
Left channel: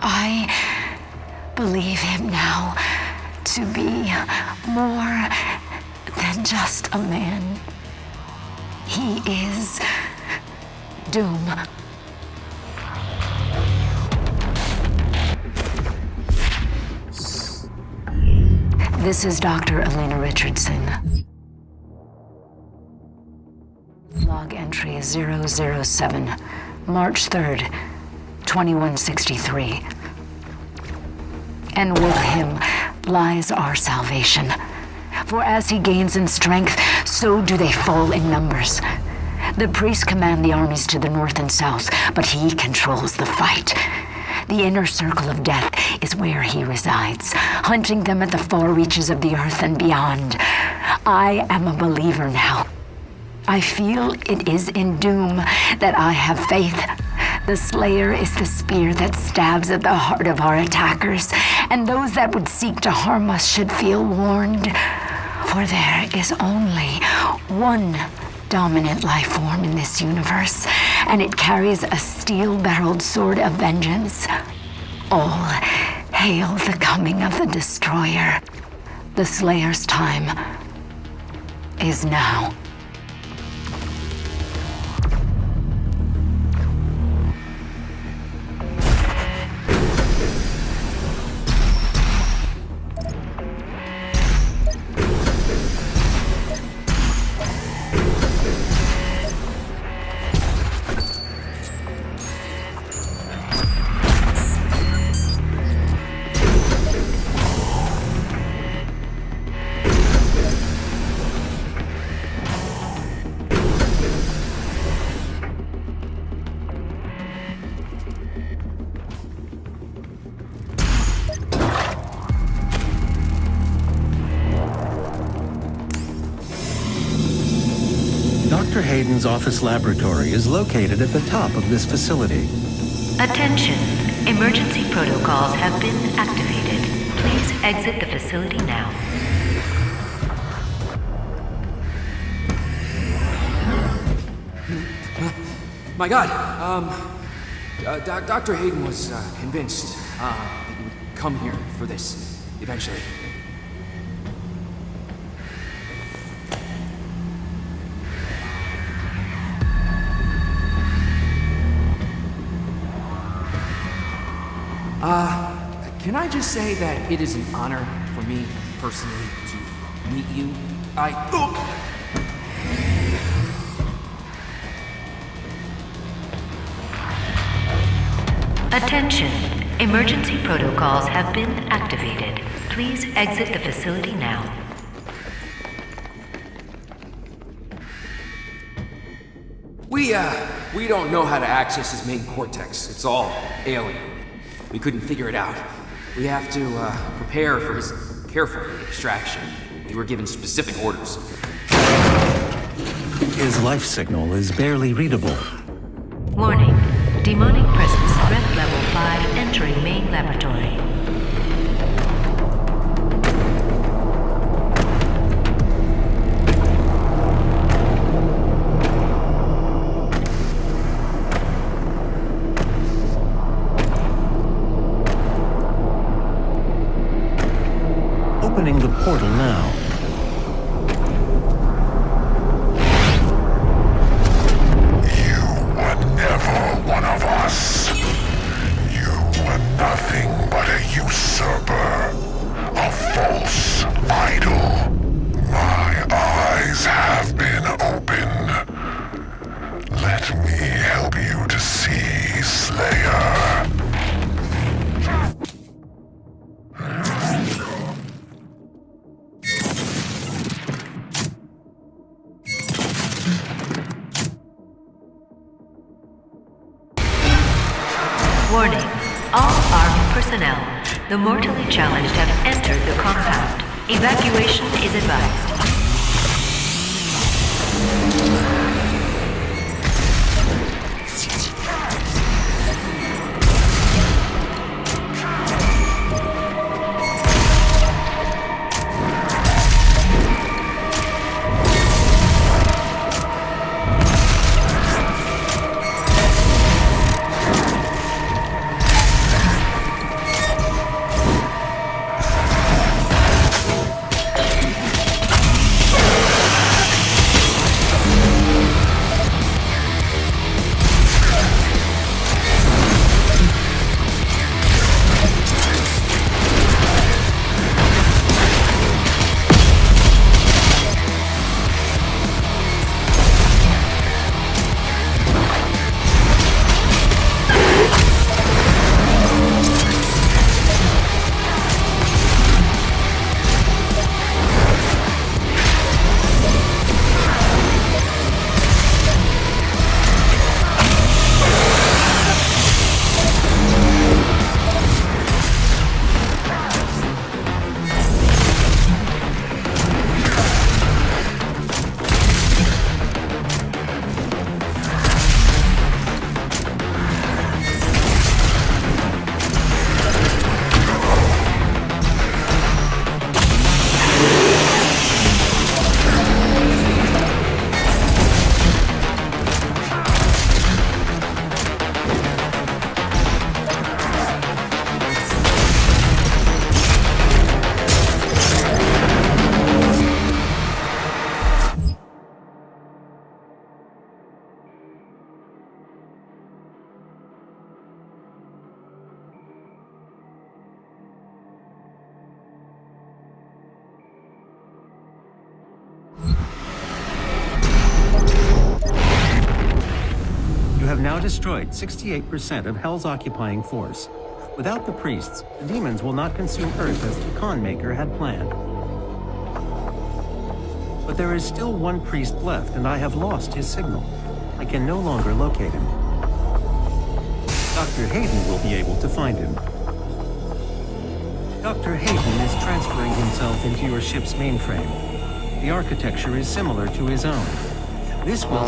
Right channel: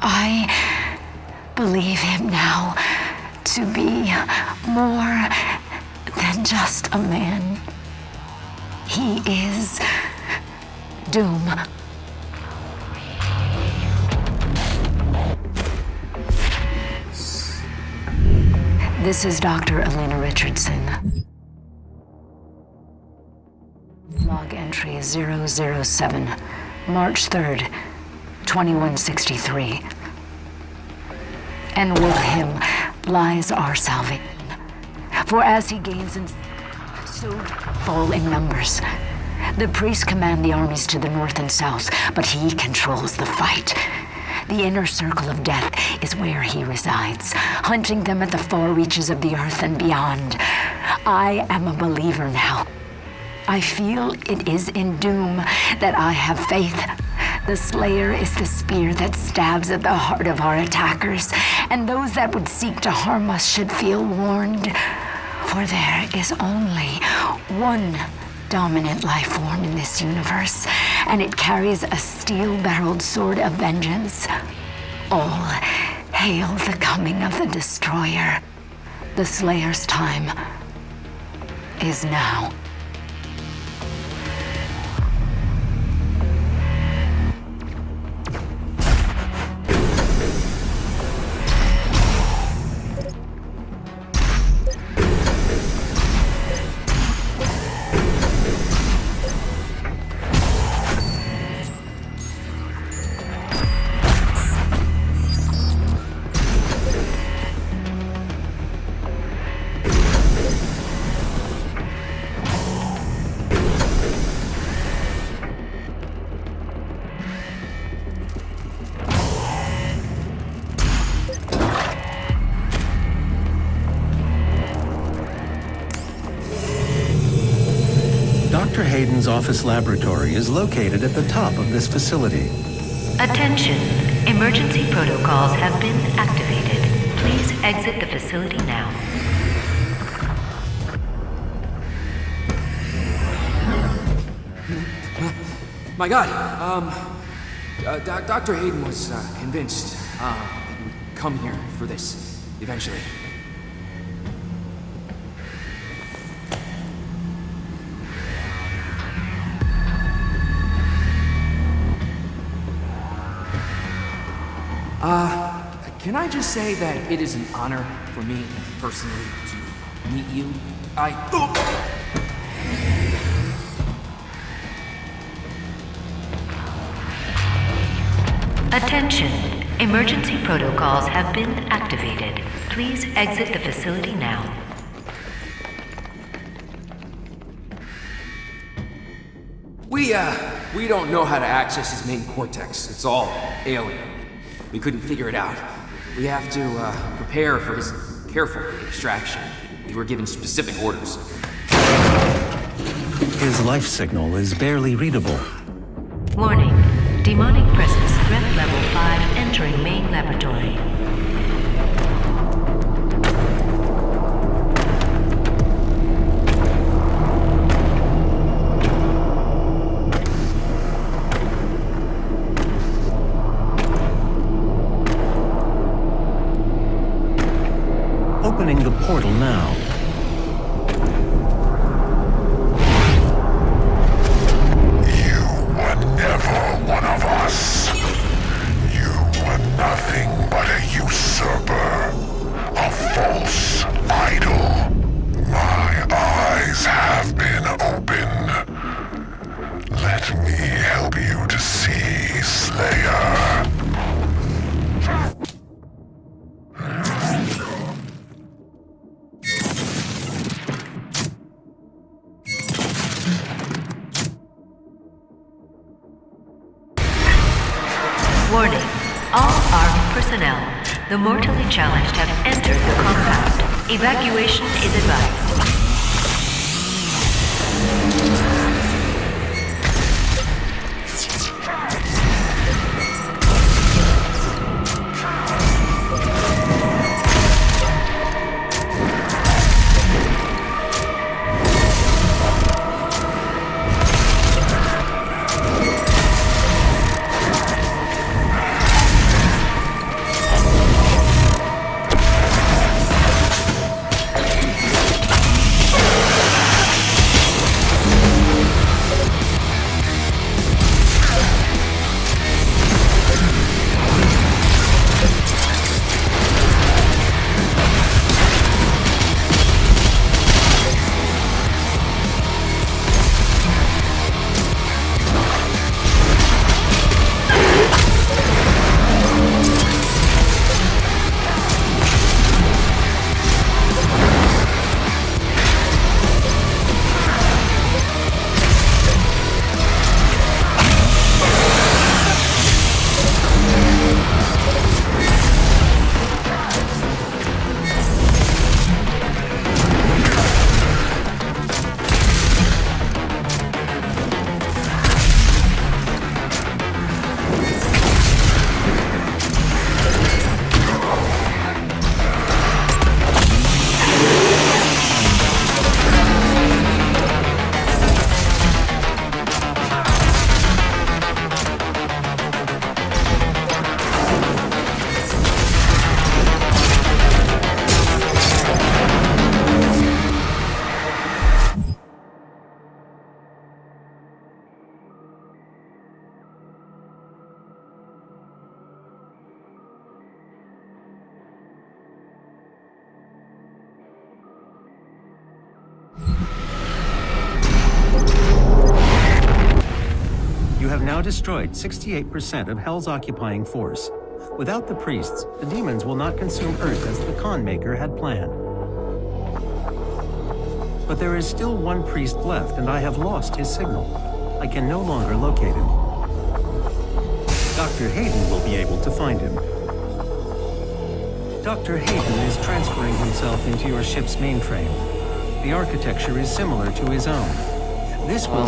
I believe him now to be more than just a man. He is Doom. This is Dr. Elena Richardson. Log entry 007, March 3rd, 2163. And with him lies our salvation. For as he gains in strength, so do they fall in numbers. The priests command the armies to the north and south, but he controls the fight. The inner circle of death is where he resides, hunting them at the far reaches of the earth and beyond. I am a believer now. I feel it is in Doom that I have faith. The Slayer is the spear that stabs at the heart of our attackers, and those that would seek to harm us should feel warned. For there is only one dominant life form in this universe, and it carries a steel-barreled sword of vengeance. All hail the coming of the Destroyer. The Slayer's time is now. Hayden's office laboratory is located at the top of this facility. Attention. Emergency protocols have been activated. Please exit the facility now. My God, Dr. Hayden was convinced that you would come here for this, eventually. Can I just say that it is an honor for me, personally, to meet you? Attention. Emergency protocols have been activated. Please exit the facility now. We don't know how to access his main cortex. It's all alien. We couldn't figure it out. We have to prepare for his careful extraction. We were given specific orders. His life signal is barely readable. Warning. Demonic presence threat level 5 entering main laboratory. Opening the portal now. You were never one of us. You were nothing but a usurper, a false idol. My eyes have been opened. Let me help you to see, Slayer. Warning. All armed personnel. The mortally challenged have entered the compound. Evacuation is advised. Destroyed 68% of Hell's occupying force. Without the priests, the demons will not consume Earth as the Khan Maker had planned. But there is still one priest left, and I have lost his signal. I can no longer locate him. Dr. Hayden will be able to find him. Dr. Hayden is transferring himself into your ship's mainframe. The architecture is similar to his own. This will...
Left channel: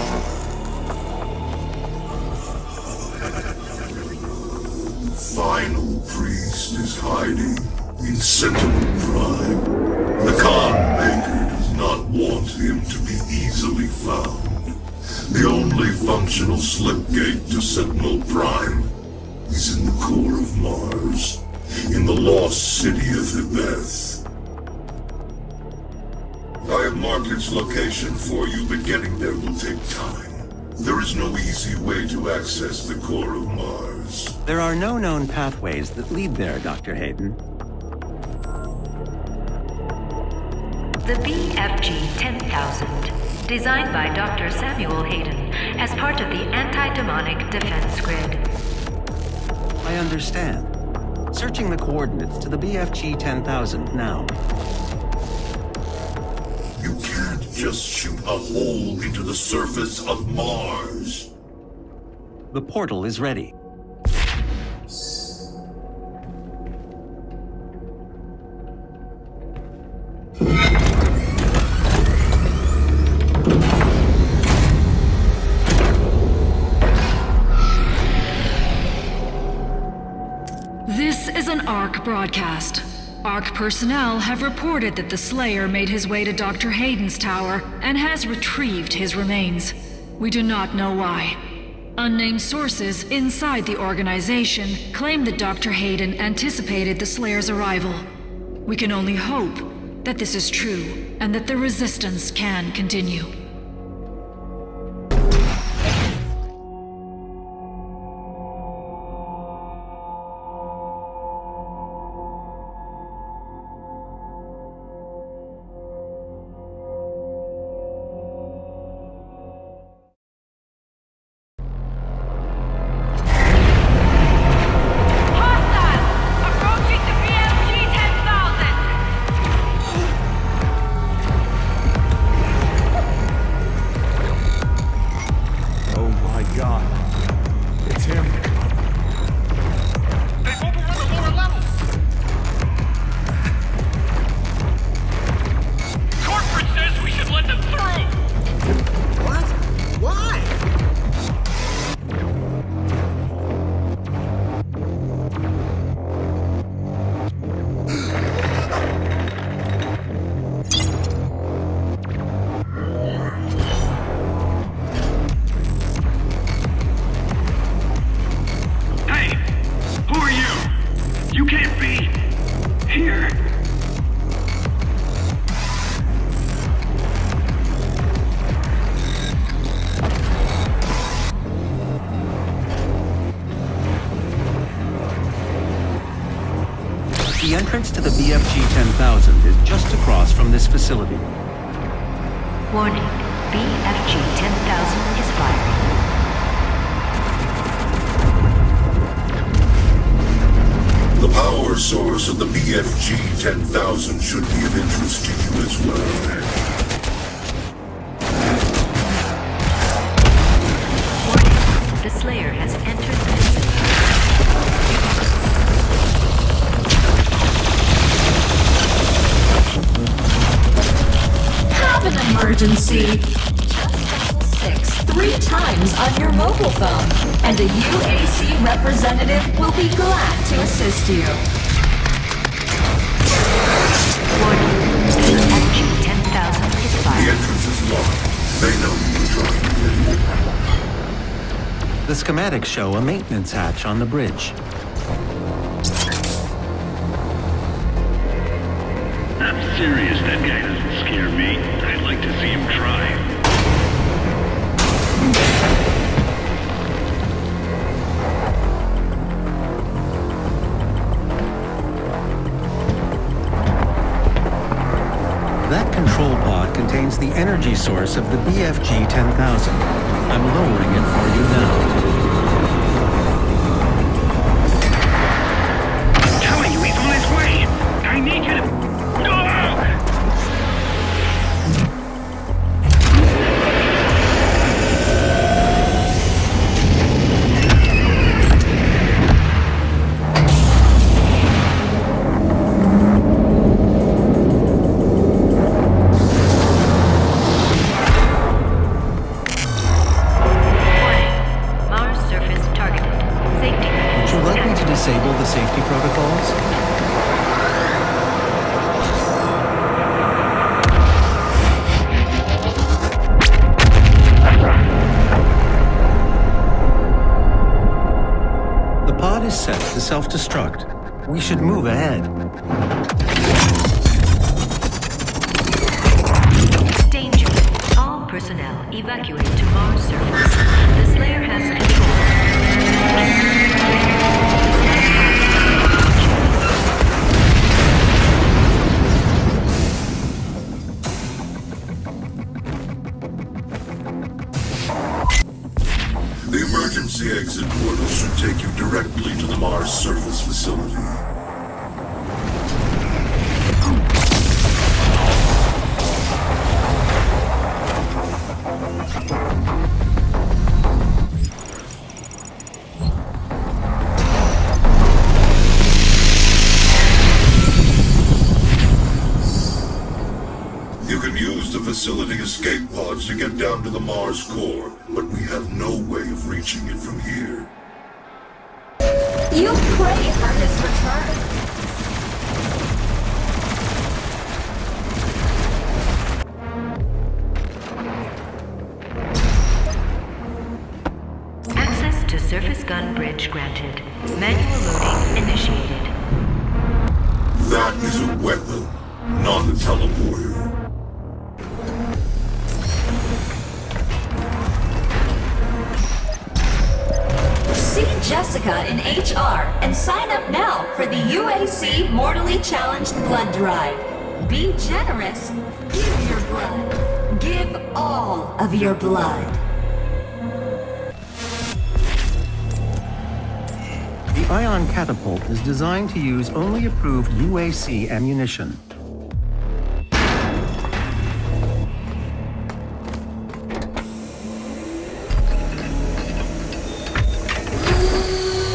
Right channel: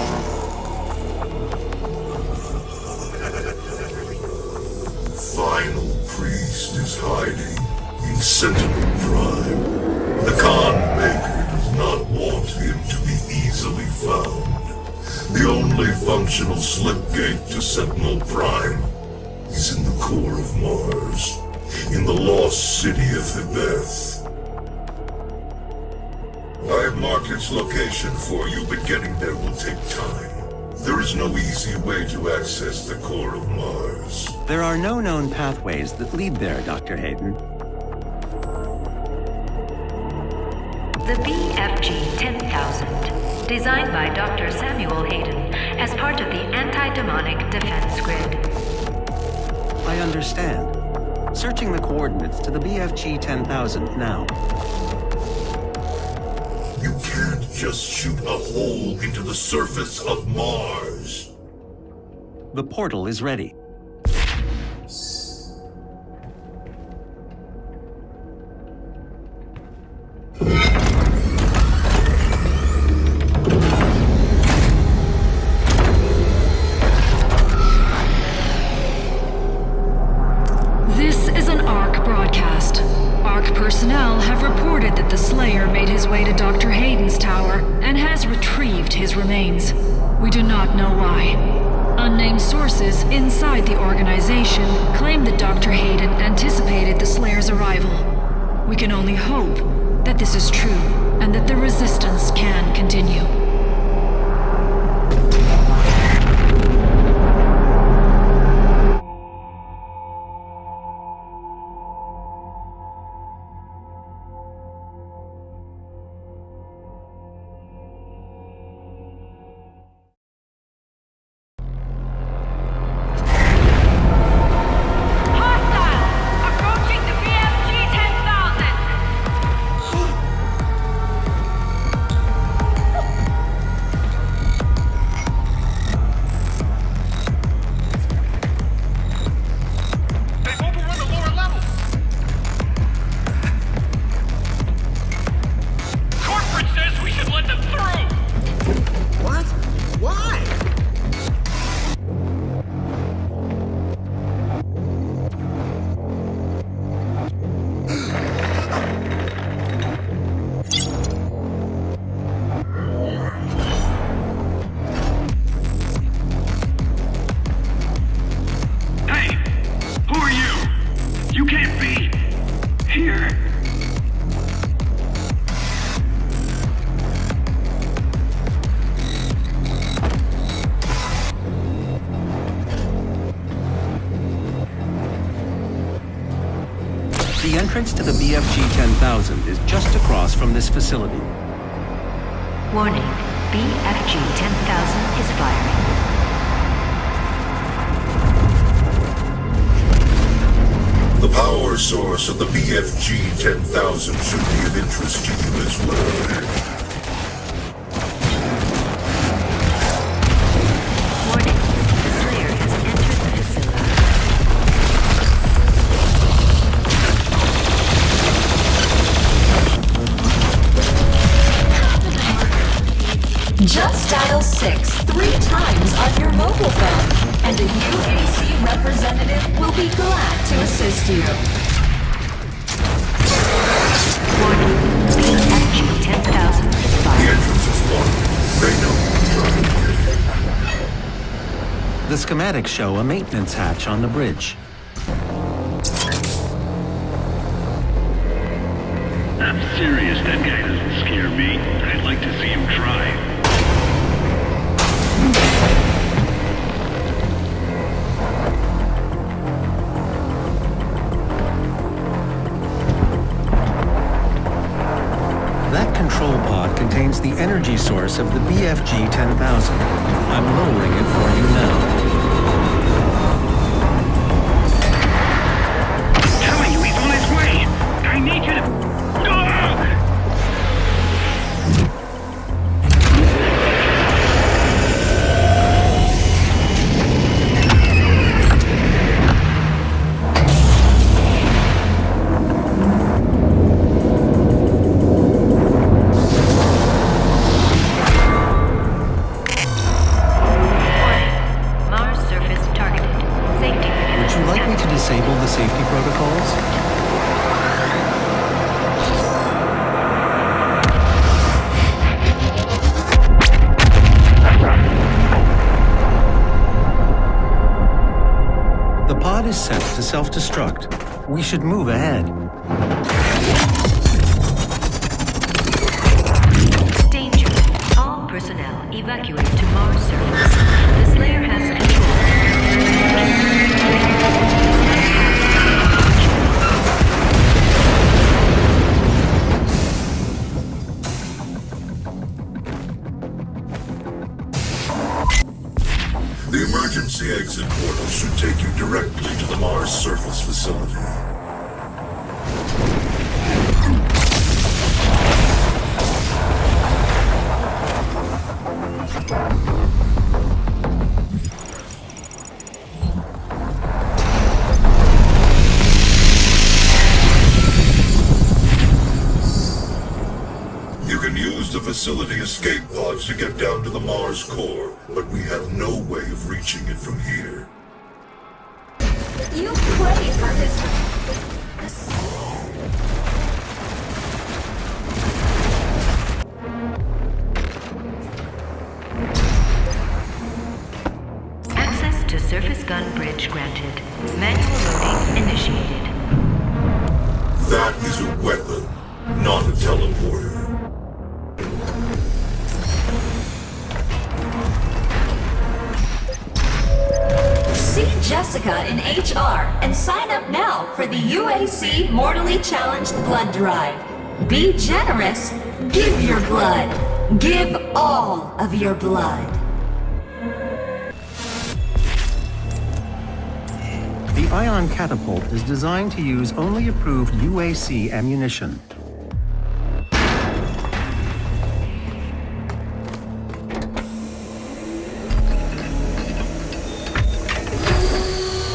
Final priest is hiding in Sentinel Prime. The Khan Maker does not want him to be easily found. The only functional slipgate to Sentinel Prime is in the core of Mars, in the lost city of Hebeth. I have marked its location for you, but getting there will take time. There is no easy way to access the core of Mars. There are no known pathways that lead there, Dr. Hayden. The BFG 10,000, designed by Dr. Samuel Hayden as part of the anti-demonic defense grid. I understand. Searching the coordinates to the BFG 10,000 now. You can't just shoot a hole into the surface of Mars. The portal is ready. This is an ARC broadcast. ARC personnel have reported that the Slayer made his way to Dr. Hayden's tower and has retrieved his remains. We do not know why. Unnamed sources inside the organization claim that Dr. Hayden anticipated the Slayer's arrival. We can only hope that this is true and that the resistance can continue. The entrance to the BFG 10,000 is just across from this facility. Warning, BFG 10,000 is firing. The power source of the BFG 10,000 should be of interest to you as well. Warning, the Slayer has entered the facility. Have an emergency. Just dial 6 3 times on your mobile phone, and a UAC representative will be glad to assist you. Warning, BFG 10,000 is The firing. entrance is locked. They know you're trying to get The schematics show a maintenance hatch on the bridge. I'm serious, that guy doesn't scare me. I'd like to see him try. That control pod contains the energy source of the BFG 10,000. I'm lowering it for you now. I'm telling you, he's on his way. I need you to... Ah! self-destruct. We should move ahead. Danger. All personnel evacuate to Mars surface. The Slayer has control. The emergency exit portal should take you directly to the Mars surface facility. You can use the facility escape pods to get down to the Mars core, but we have no way of reaching it from here. You prayed for his return. Access to surface gun bridge granted. Manual loading initiated. That is a weapon, not a teleporter. See Jessica in HR and sign up now for the UAC Mortally Challenged Blood Drive. Be generous. Give your blood. Give all of your blood. The ion catapult is designed to use only approved UAC ammunition.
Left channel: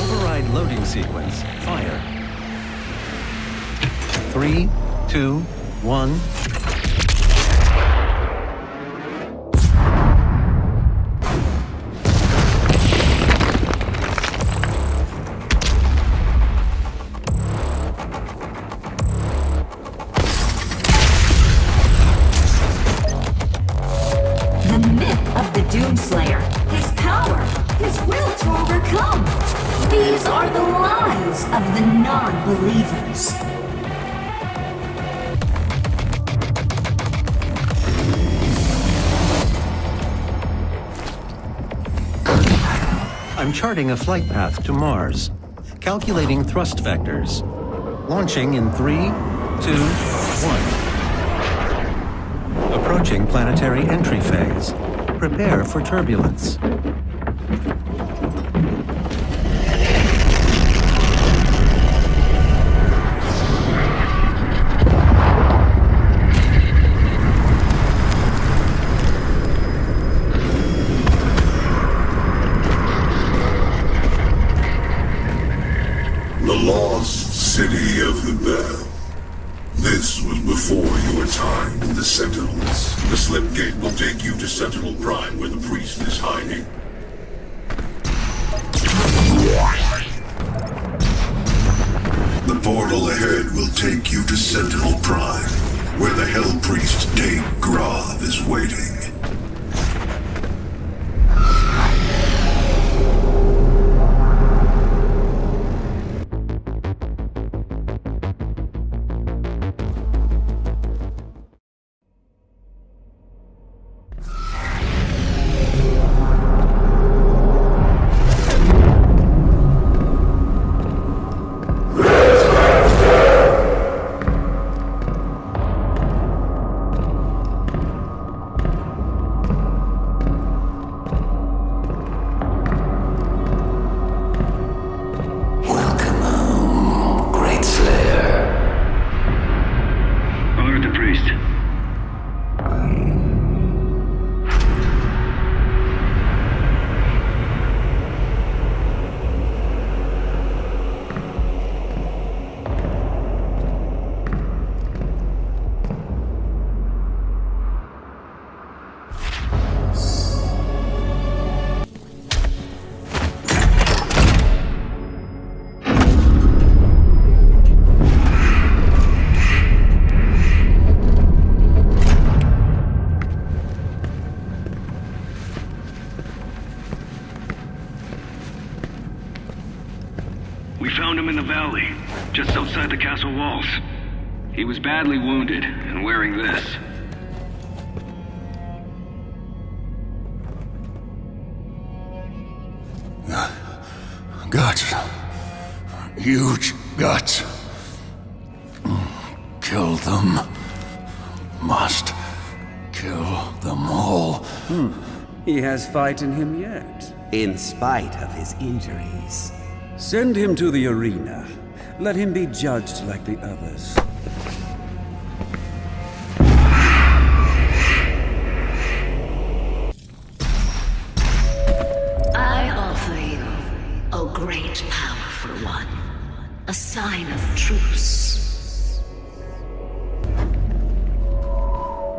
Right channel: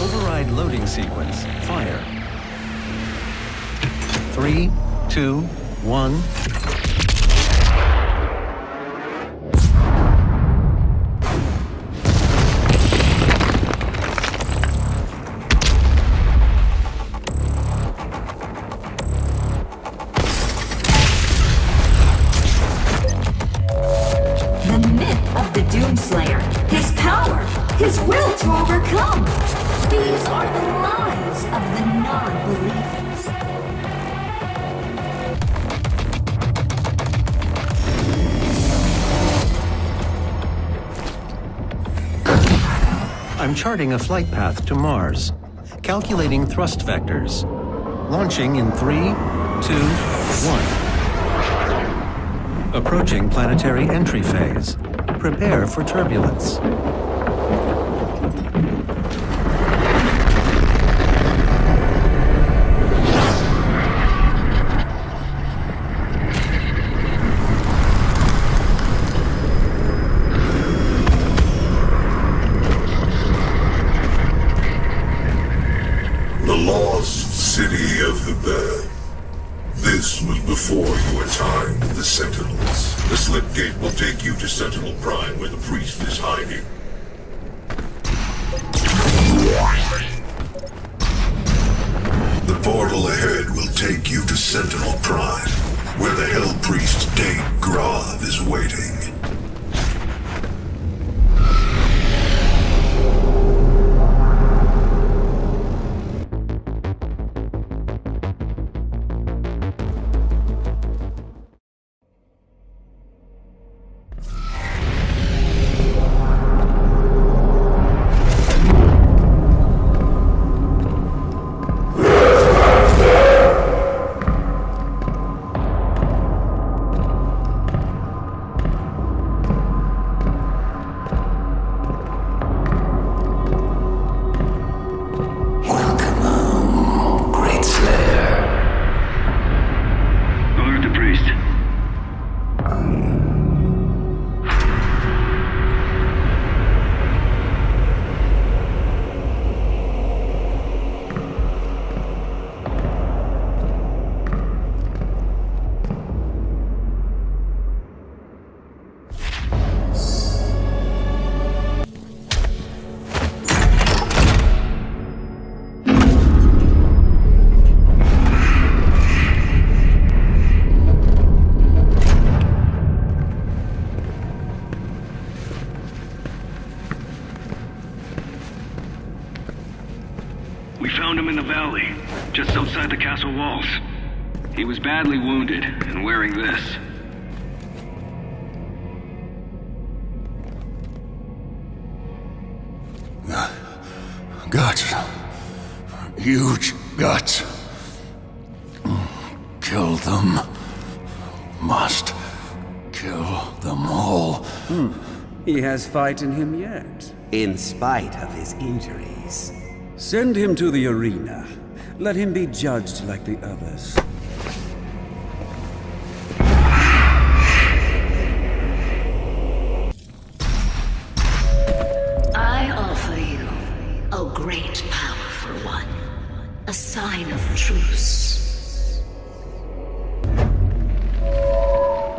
Override loading sequence. Fire. 3, 2, 1. The myth of the Doomslayer, his power, his will to overcome. These are the lies of the non-believers. I'm charting a flight path to Mars. Calculating thrust vectors. Launching in 3, 2, 1. Approaching planetary entry phase. Prepare for turbulence. The lost city of the Bell. This was before your time with the Sentinels. The slip gate will take you to Sentinel Prime, where the priest is hiding. The portal ahead will take you to Sentinel Prime, where the Hell Priest Dave Grav is waiting. We found him in the valley, just outside the castle walls. He was badly wounded and wearing this. Guts. Huge guts. Kill them. Must kill them all. He has fight in him yet. In spite of his injuries. Send him to the arena. Let him be judged like the others. I offer you, O great powerful one, a sign of truce.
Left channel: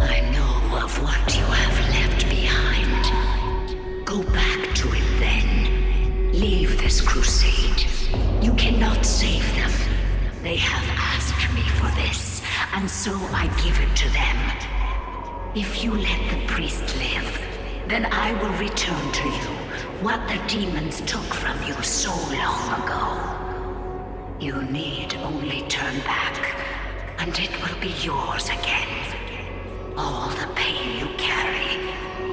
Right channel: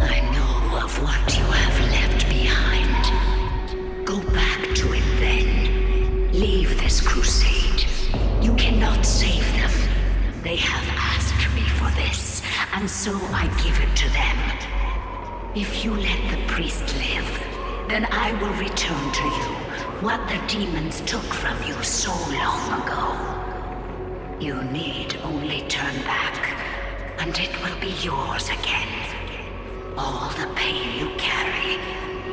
I know of what you have left behind. Go back to it then. Leave this crusade. You cannot save them. They have asked me for this, and so I give it to them. If you let the priest live, then I will return to you what the demons took from you so long ago. You need only turn back, and it will be yours again. All the pain you carry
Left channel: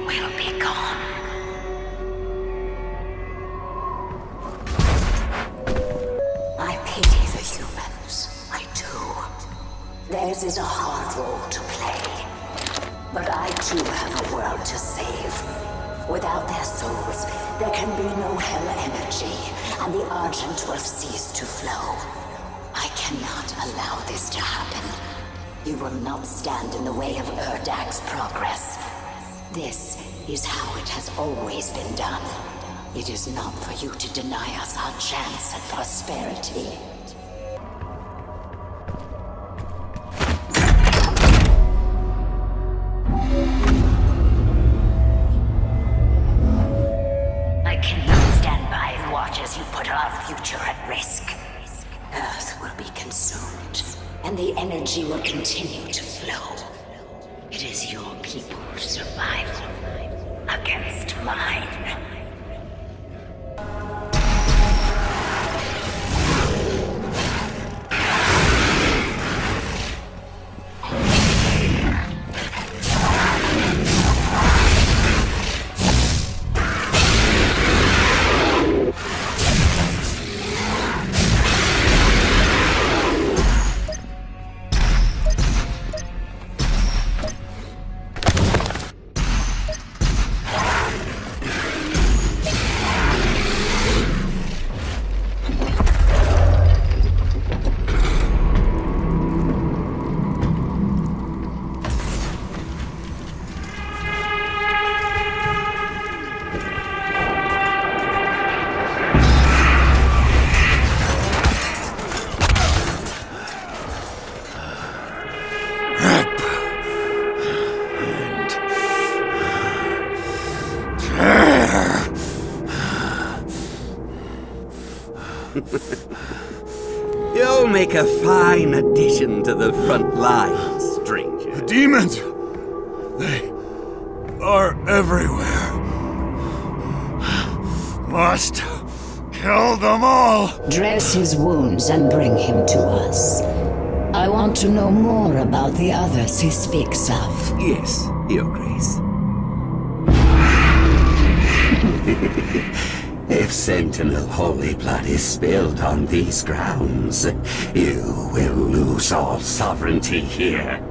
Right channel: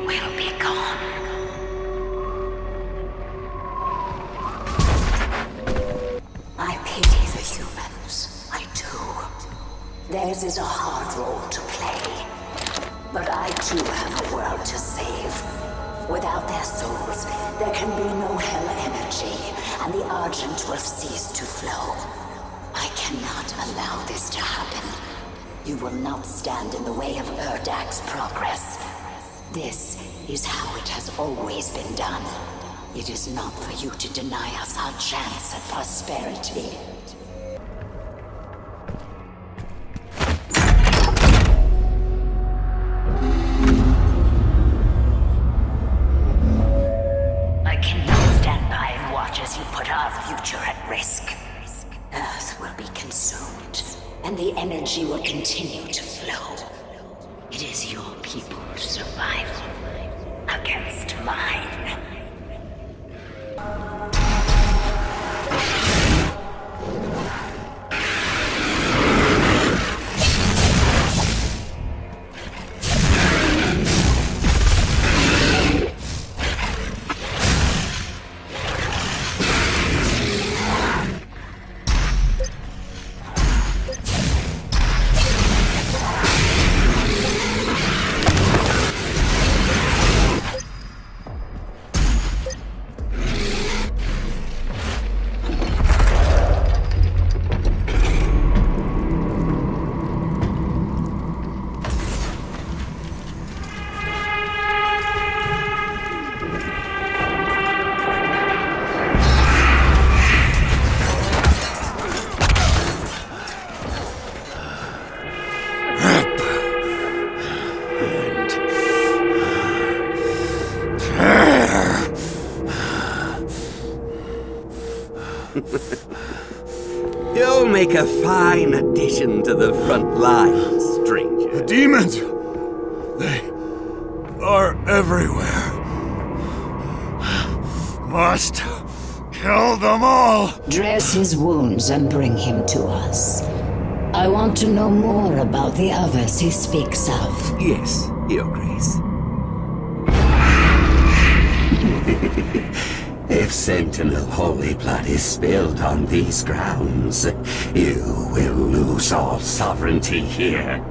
will be gone. I pity the humans. I do. Theirs is a hard role to play. But I too have a world to save. Without their souls, there can be no hell energy, and the Argent will cease to flow. I cannot allow this to happen. You will not stand in the way of Erdak's progress. This is how it has always been done. It is not for you to deny us our chance at prosperity. I cannot stand by and watch as you put our future at risk. Earth will be consumed, and the energy will continue to flow. It is your people's survival against mine. You'll make a fine addition to the front lines, stranger. The demons! They are everywhere. Must kill them all! Dress his wounds and bring him to us. I want to know more about the others he speaks of. Yes, Your Grace. If Sentinel holy blood is spilled on these grounds, you will lose all sovereignty here.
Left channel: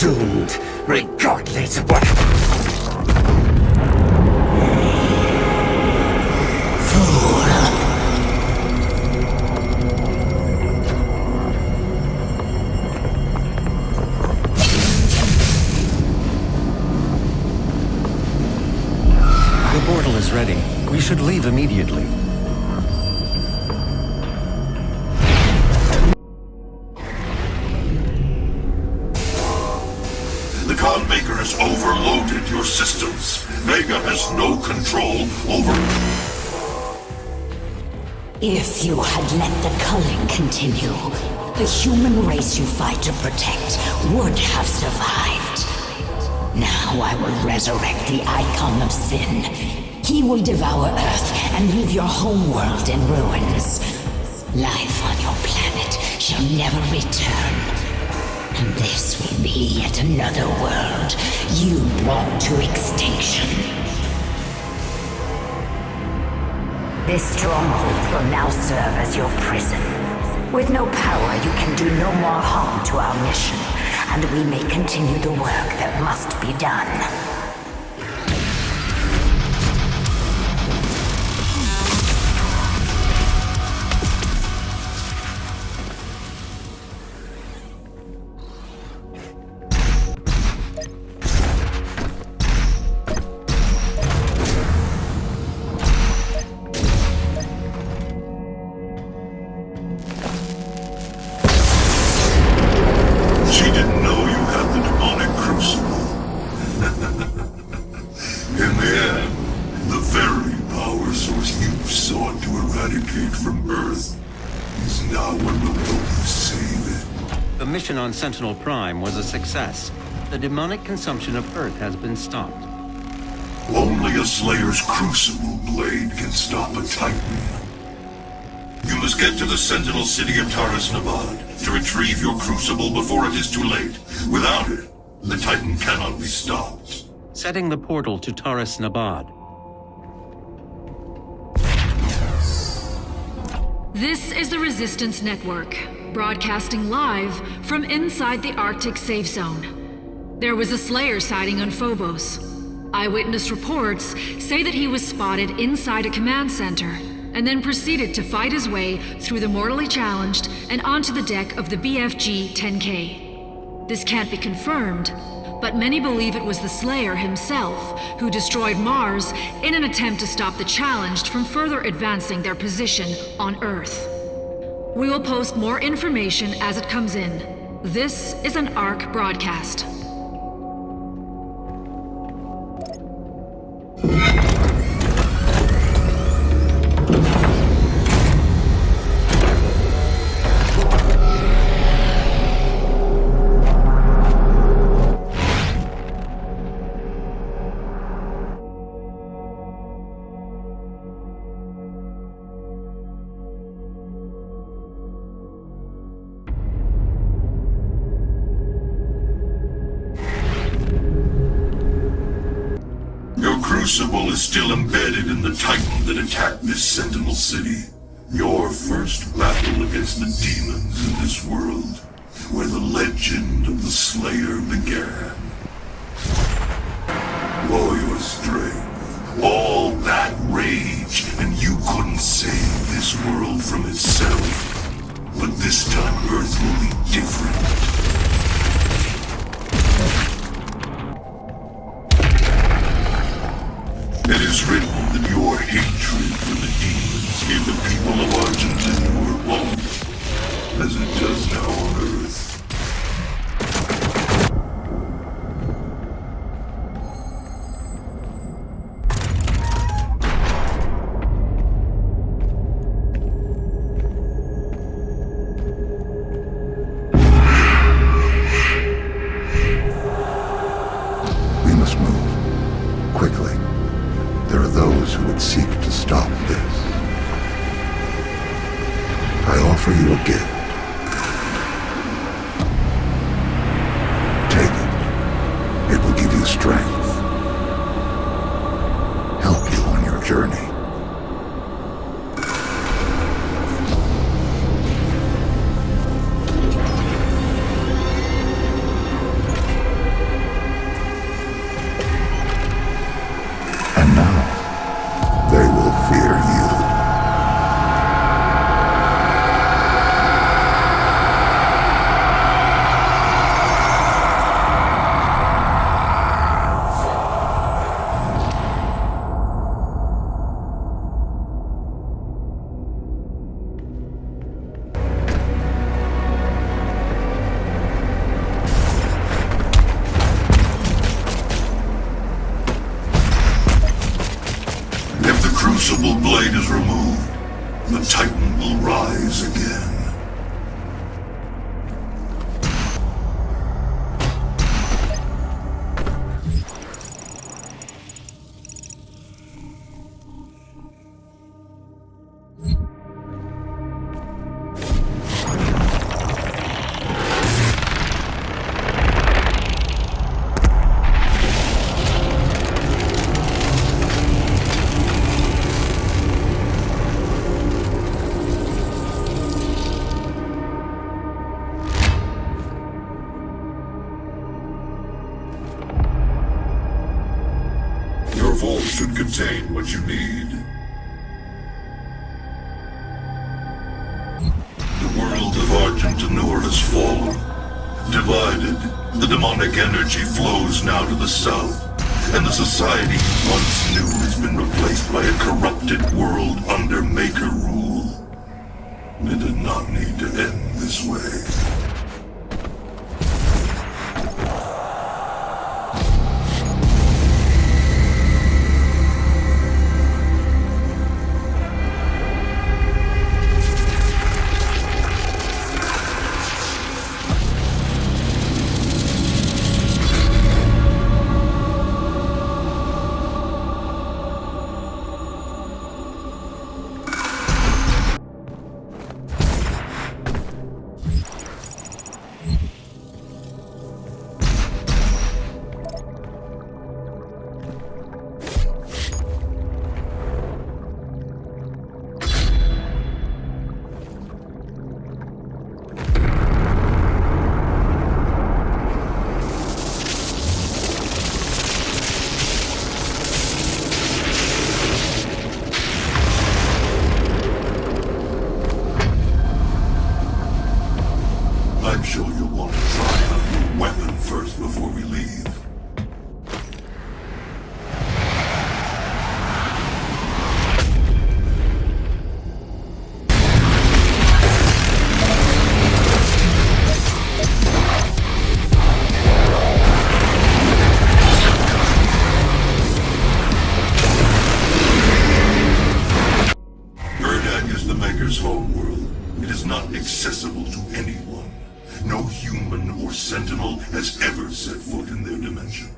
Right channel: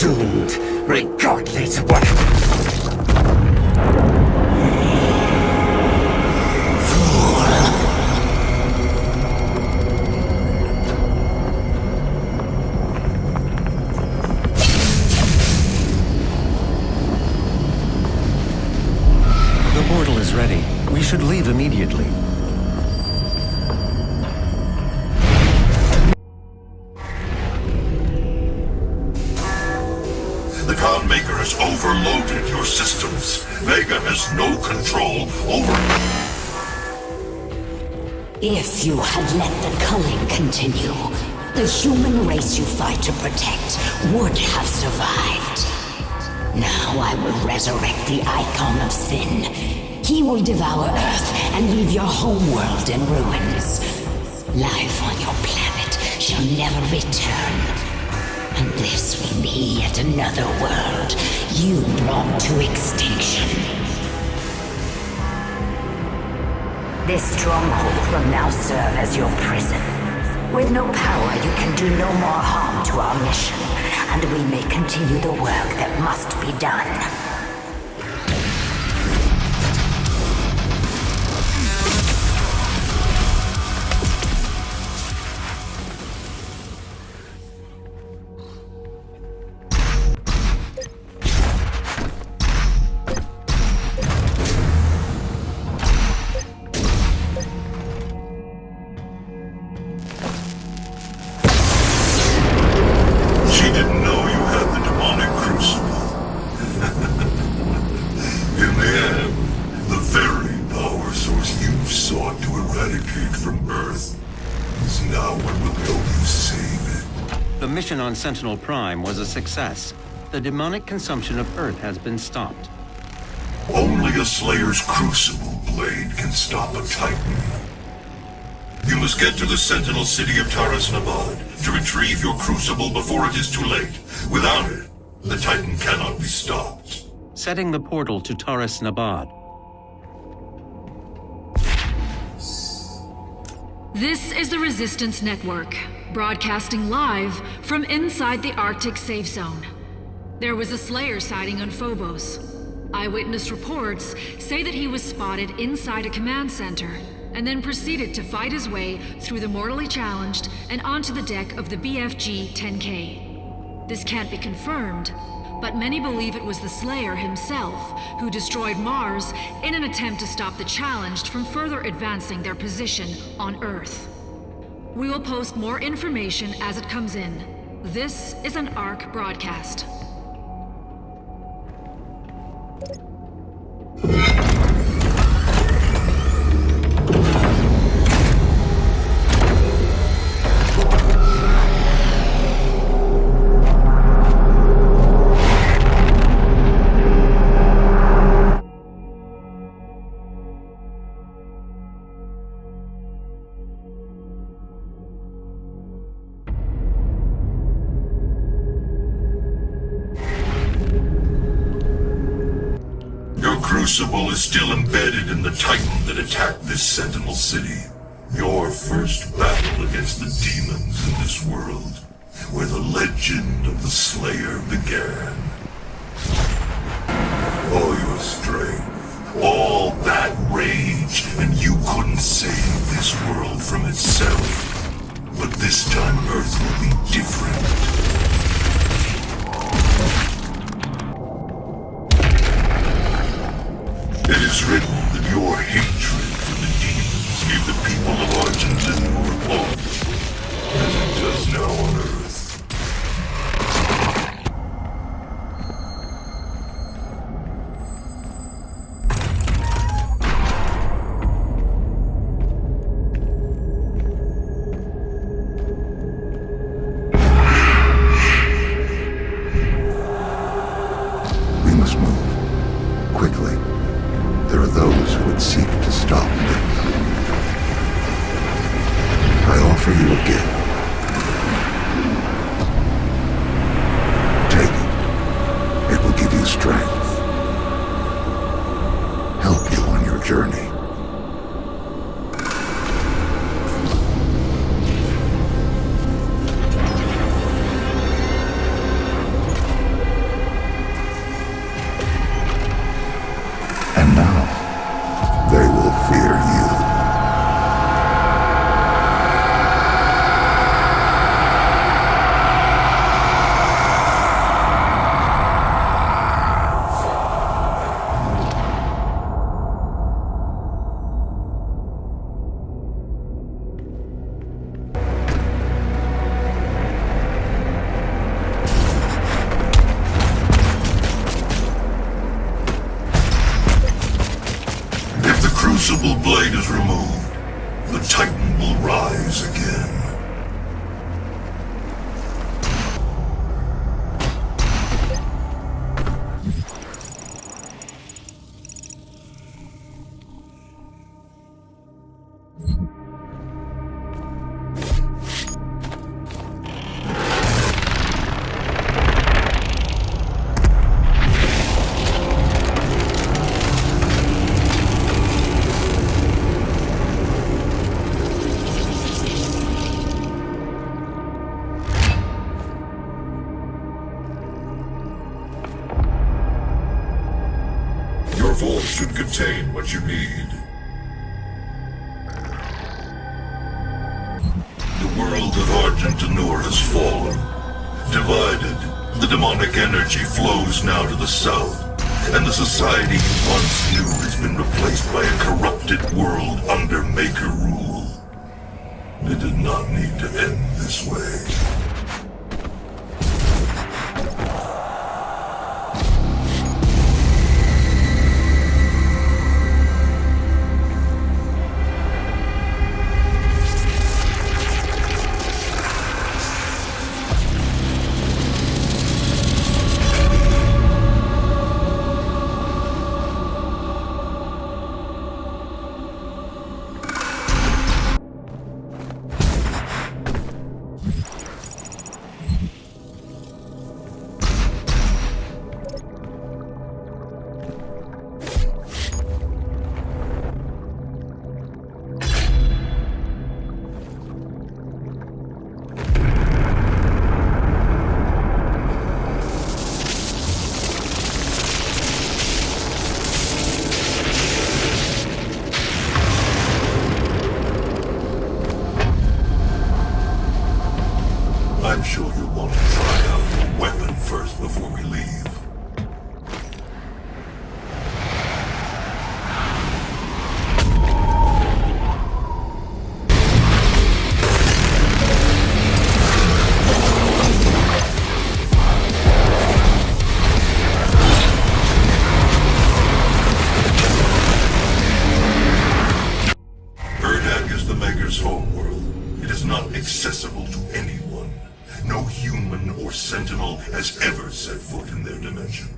consumed, regardless of what... The portal is ready. We should leave immediately. The Khan Maker has overloaded your systems. Vega has no control over... If you had let the culling continue, the human race you fight to protect would have survived. Now I will resurrect the icon of sin. He will devour Earth and leave your homeworld in ruins. Life on your planet shall never return. And this will be yet another world you brought to extinction. This stronghold will now serve as your prison. With no power, you can do no more harm to our mission, and we may continue the work that must be done. Sentinel Prime was a success. The demonic consumption of Earth has been stopped. Only a Slayer's Crucible blade can stop a Titan. You must get to the Sentinel city of Taras Nabad to retrieve your Crucible before it is too late. Without it, the Titan cannot be stopped. Setting the portal to Taras Nabad. This is the Resistance Network, broadcasting live from inside the Arctic safe zone. There was a Slayer sighting on Phobos. Eyewitness reports say that he was spotted inside a command center, and then proceeded to fight his way through the mortally challenged and onto the deck of the BFG-10K. This can't be confirmed, but many believe it was the Slayer himself who destroyed Mars in an attempt to stop the challenged from further advancing their position on Earth. We will post more information as it comes in. This is an ARC broadcast. Crucible is still embedded in the Titan that attacked this Sentinel city. Your first battle against the demons in this world, where the legend of the Slayer began. All your strength, all that rage, and you couldn't save this world from itself. But this time Earth will be different. It is written that your hatred for the demons gave the people of Argentina more hope, as it does now on Earth. We must move. Quickly. There are those who would seek to stop this. I offer you a gift. Take it. It will give you strength. Help you on your journey. And now, they will fear you. Crucible blade is removed, the Titan will rise again. Your vault should contain what you need. The world of Argentinur has fallen. Divided, the demonic energy flows now to the south, and the society you once knew has been replaced by a corrupted world under Maker rule. It did not need to end this way. I'm sure you'll want to try out your weapon first before we leave. Urdak is the Maker's homeworld. It is not accessible to anyone. No human or Sentinel has ever set foot in their dimension.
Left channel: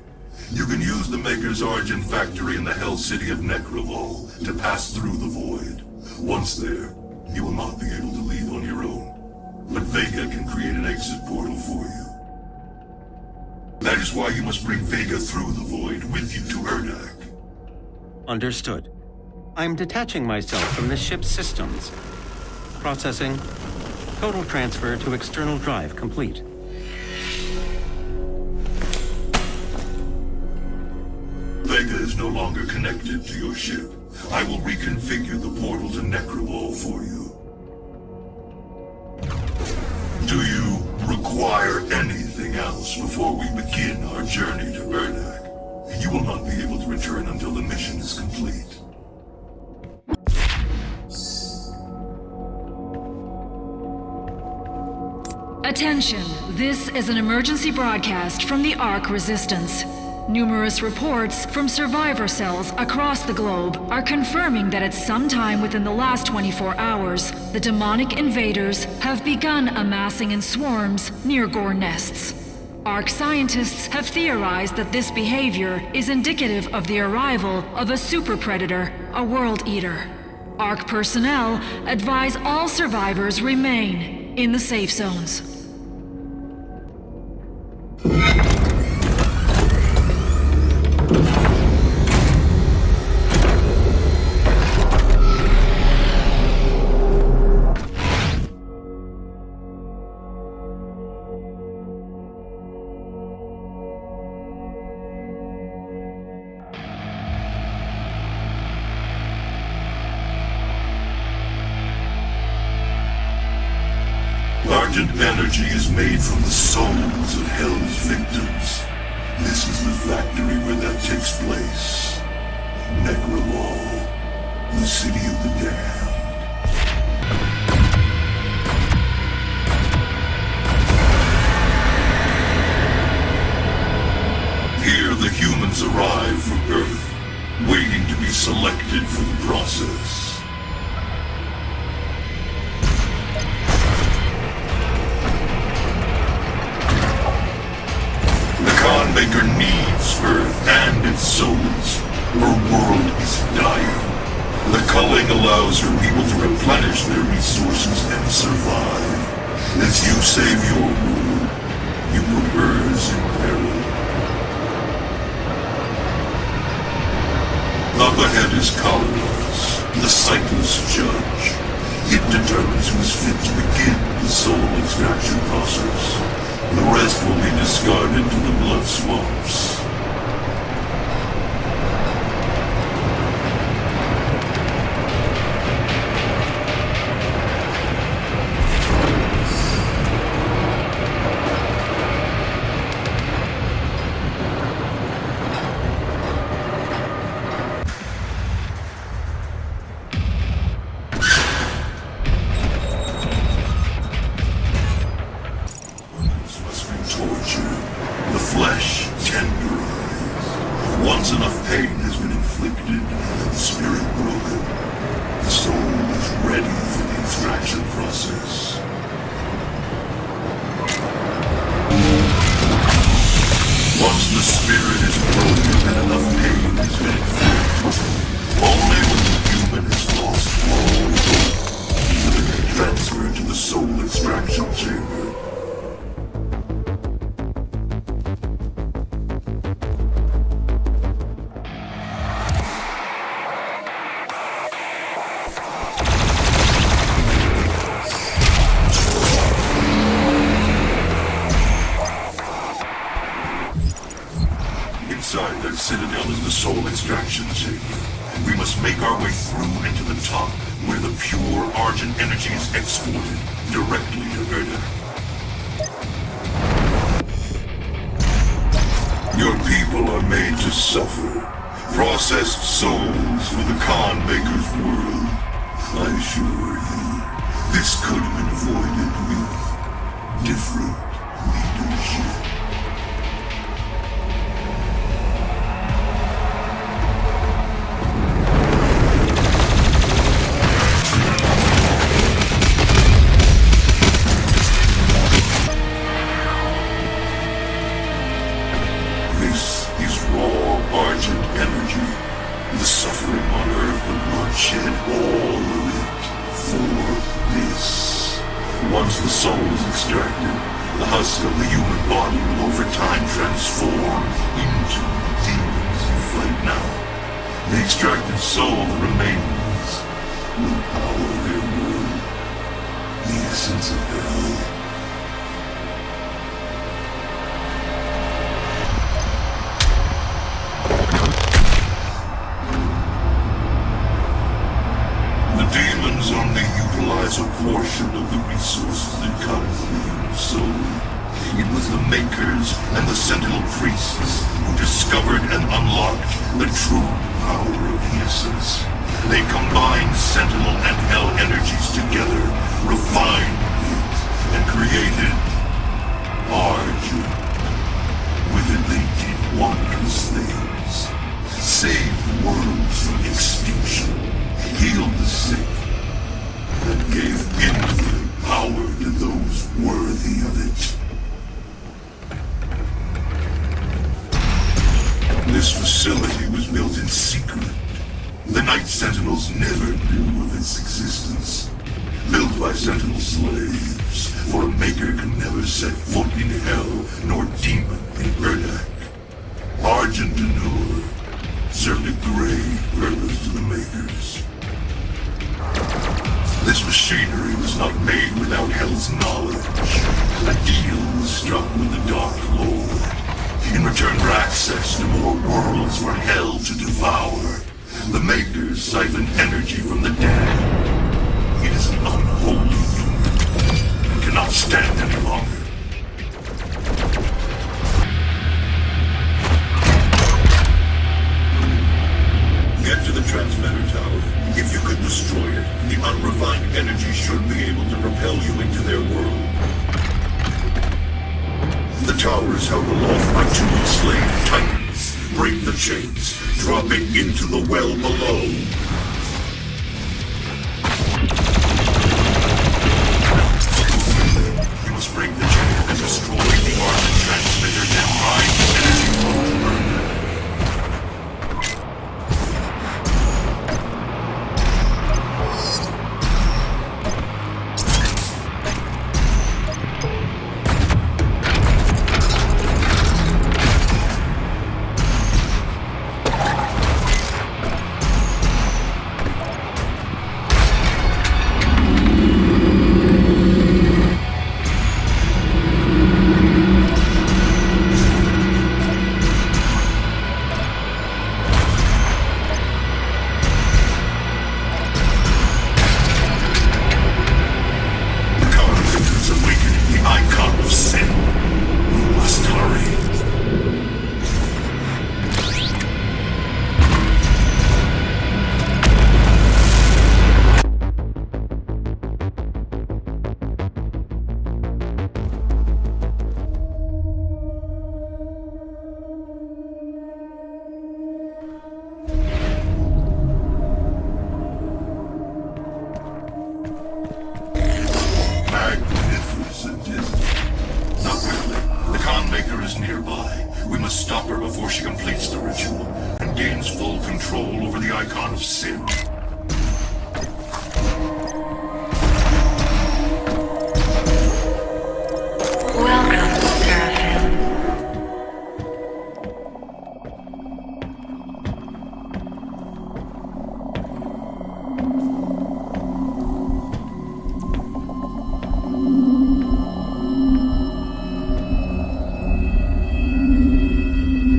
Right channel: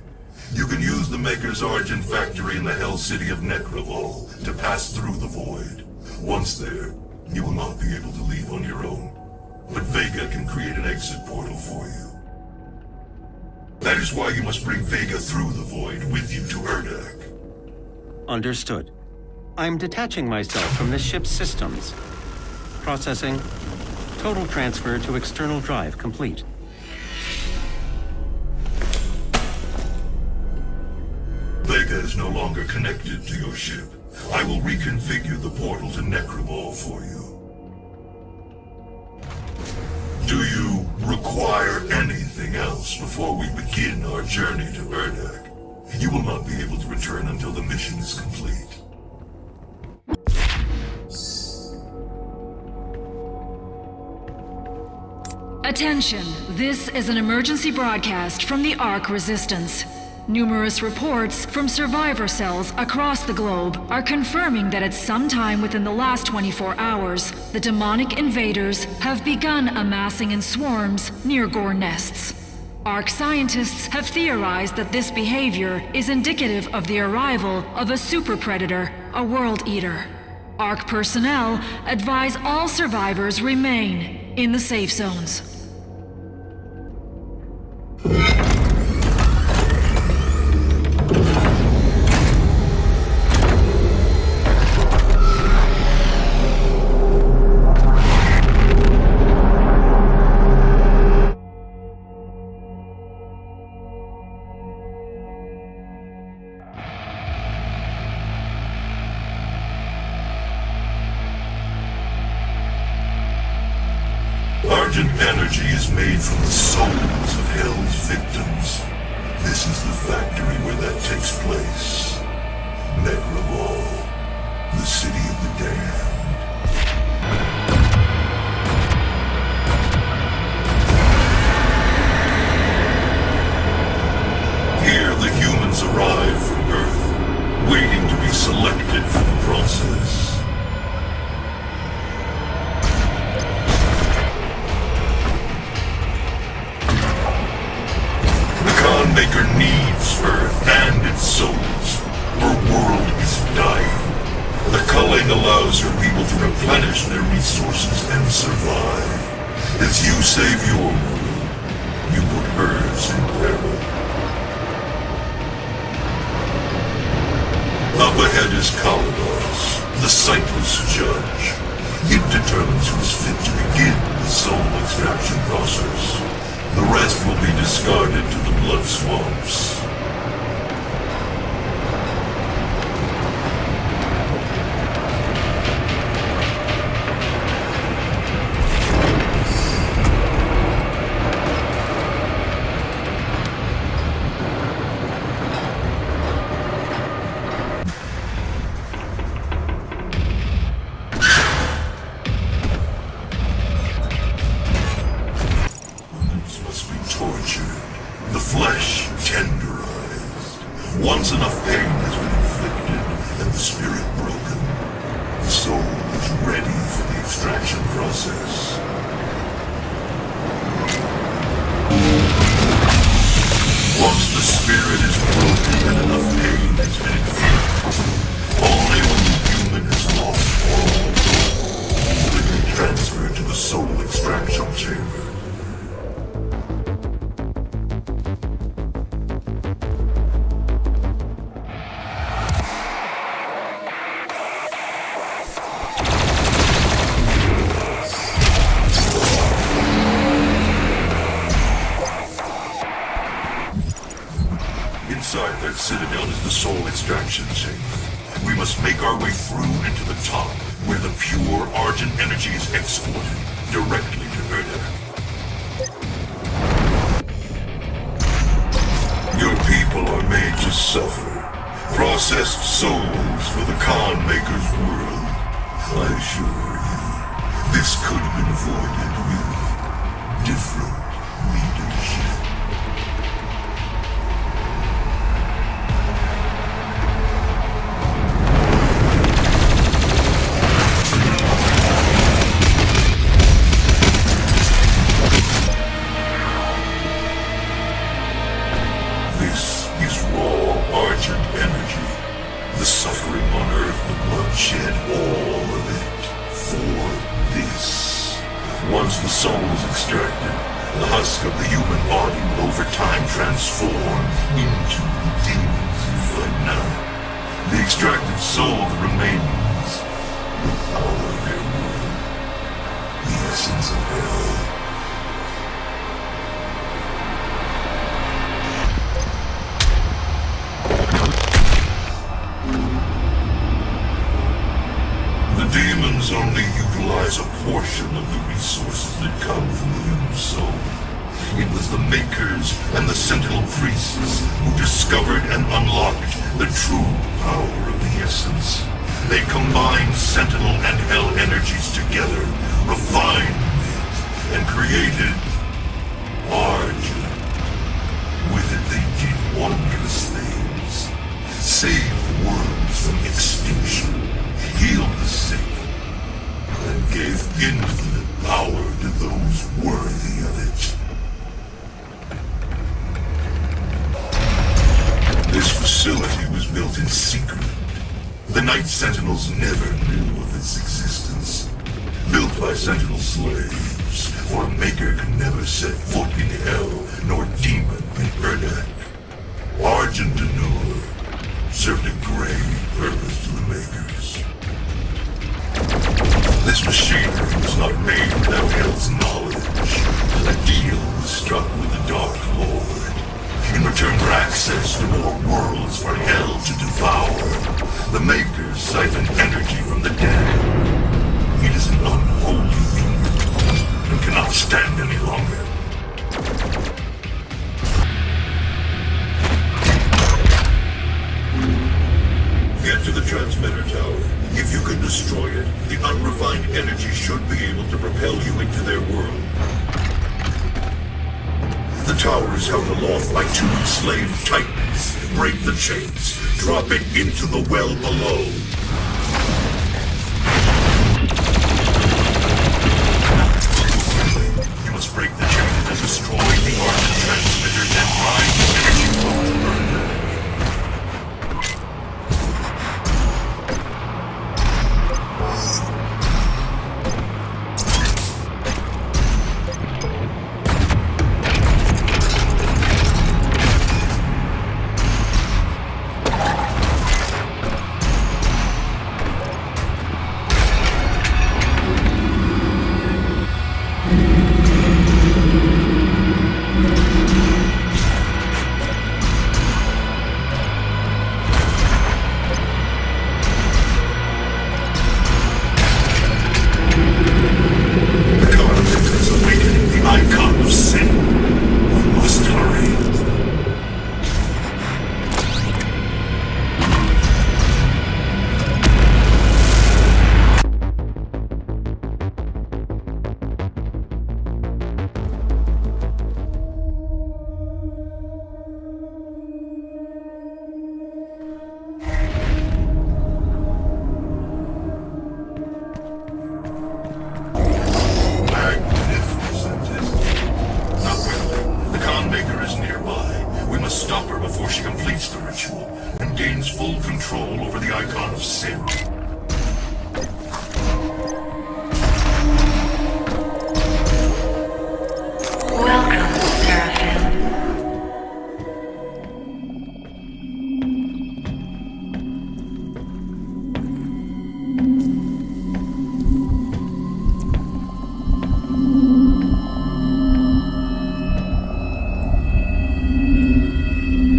You can use the Maker's Argent factory in the Hell City of Necrovol to pass through the Void. Once there, you will not be able to leave on your own. But Vega can create an exit portal for you. That is why you must bring Vega through the Void with you to Urdak. Understood. I'm detaching myself from the ship's systems. Processing. Total transfer to external drive complete. Vega is no longer connected to your ship. I will reconfigure the portal to Necrovol for you. Do you require anything else before we begin our journey to Urdak? You will not be able to return until the mission is complete. Attention, this is an emergency broadcast from the Ark Resistance. Numerous reports from survivor cells across the globe are confirming that at some time within the last 24 hours, the demonic invaders have begun amassing in swarms near GORE nests. Ark scientists have theorized that this behavior is indicative of the arrival of a super predator, a world eater. Ark personnel advise all survivors remain in the safe zones. Argent energy is made from the souls of Hell's victims. This is the factory where that takes place. Necrolol, the city of the damned. Here the humans arrive from Earth, waiting to be selected for the process. Maker needs Earth and its souls. Her world is dying. The culling allows her people to replenish their resources and survive. As you save your world, you put hers in peril. Up ahead is Kalados, the sightless judge. It determines who is fit to begin the soul extraction process. The rest will be discarded to the blood swamps. Inside that citadel is the soul extraction chamber. We must make our way through into the top, where the pure Argent energy is exported directly to Erdak. Your people are made to suffer. Processed souls for the Khan Maker's world. I assure you, this could have been avoided with different leadership. Once the soul is extracted, the husk of the human body will over time transform into the demons you fight now. The extracted soul that remains will power their world, the essence of hell. The demons only utilize a portion of the resources that come from the human soul. It was the Makers and the Sentinel priests who discovered and unlocked the true power of the essence. They combined Sentinel and Hell energies together, refined it, and created Argent. With it they did wondrous things. Saved worlds from extinction, healed the sick, and gave infinite power to those worthy of it. This facility was built in secret. The Night Sentinels never knew of its existence. Built by Sentinel slaves, for a Maker can never set foot in Hell, nor demon in Erdak. Argent served a grave purpose to the Makers. This machinery was not made without Hell's knowledge. A deal was struck with the Dark Lord, in return for access to more worlds for Hell to devour. The Makers siphon energy from the damned. It is an unholy union, and cannot cannot stand any longer. Get to the transmitter tower. If you can destroy it, the unrefined energy should be able to propel you into their world. The tower is held aloft by 2 enslaved titans. Break the chains. Drop it into the well below. You must break the chains and destroy the arc transmitters and mine the energy vault.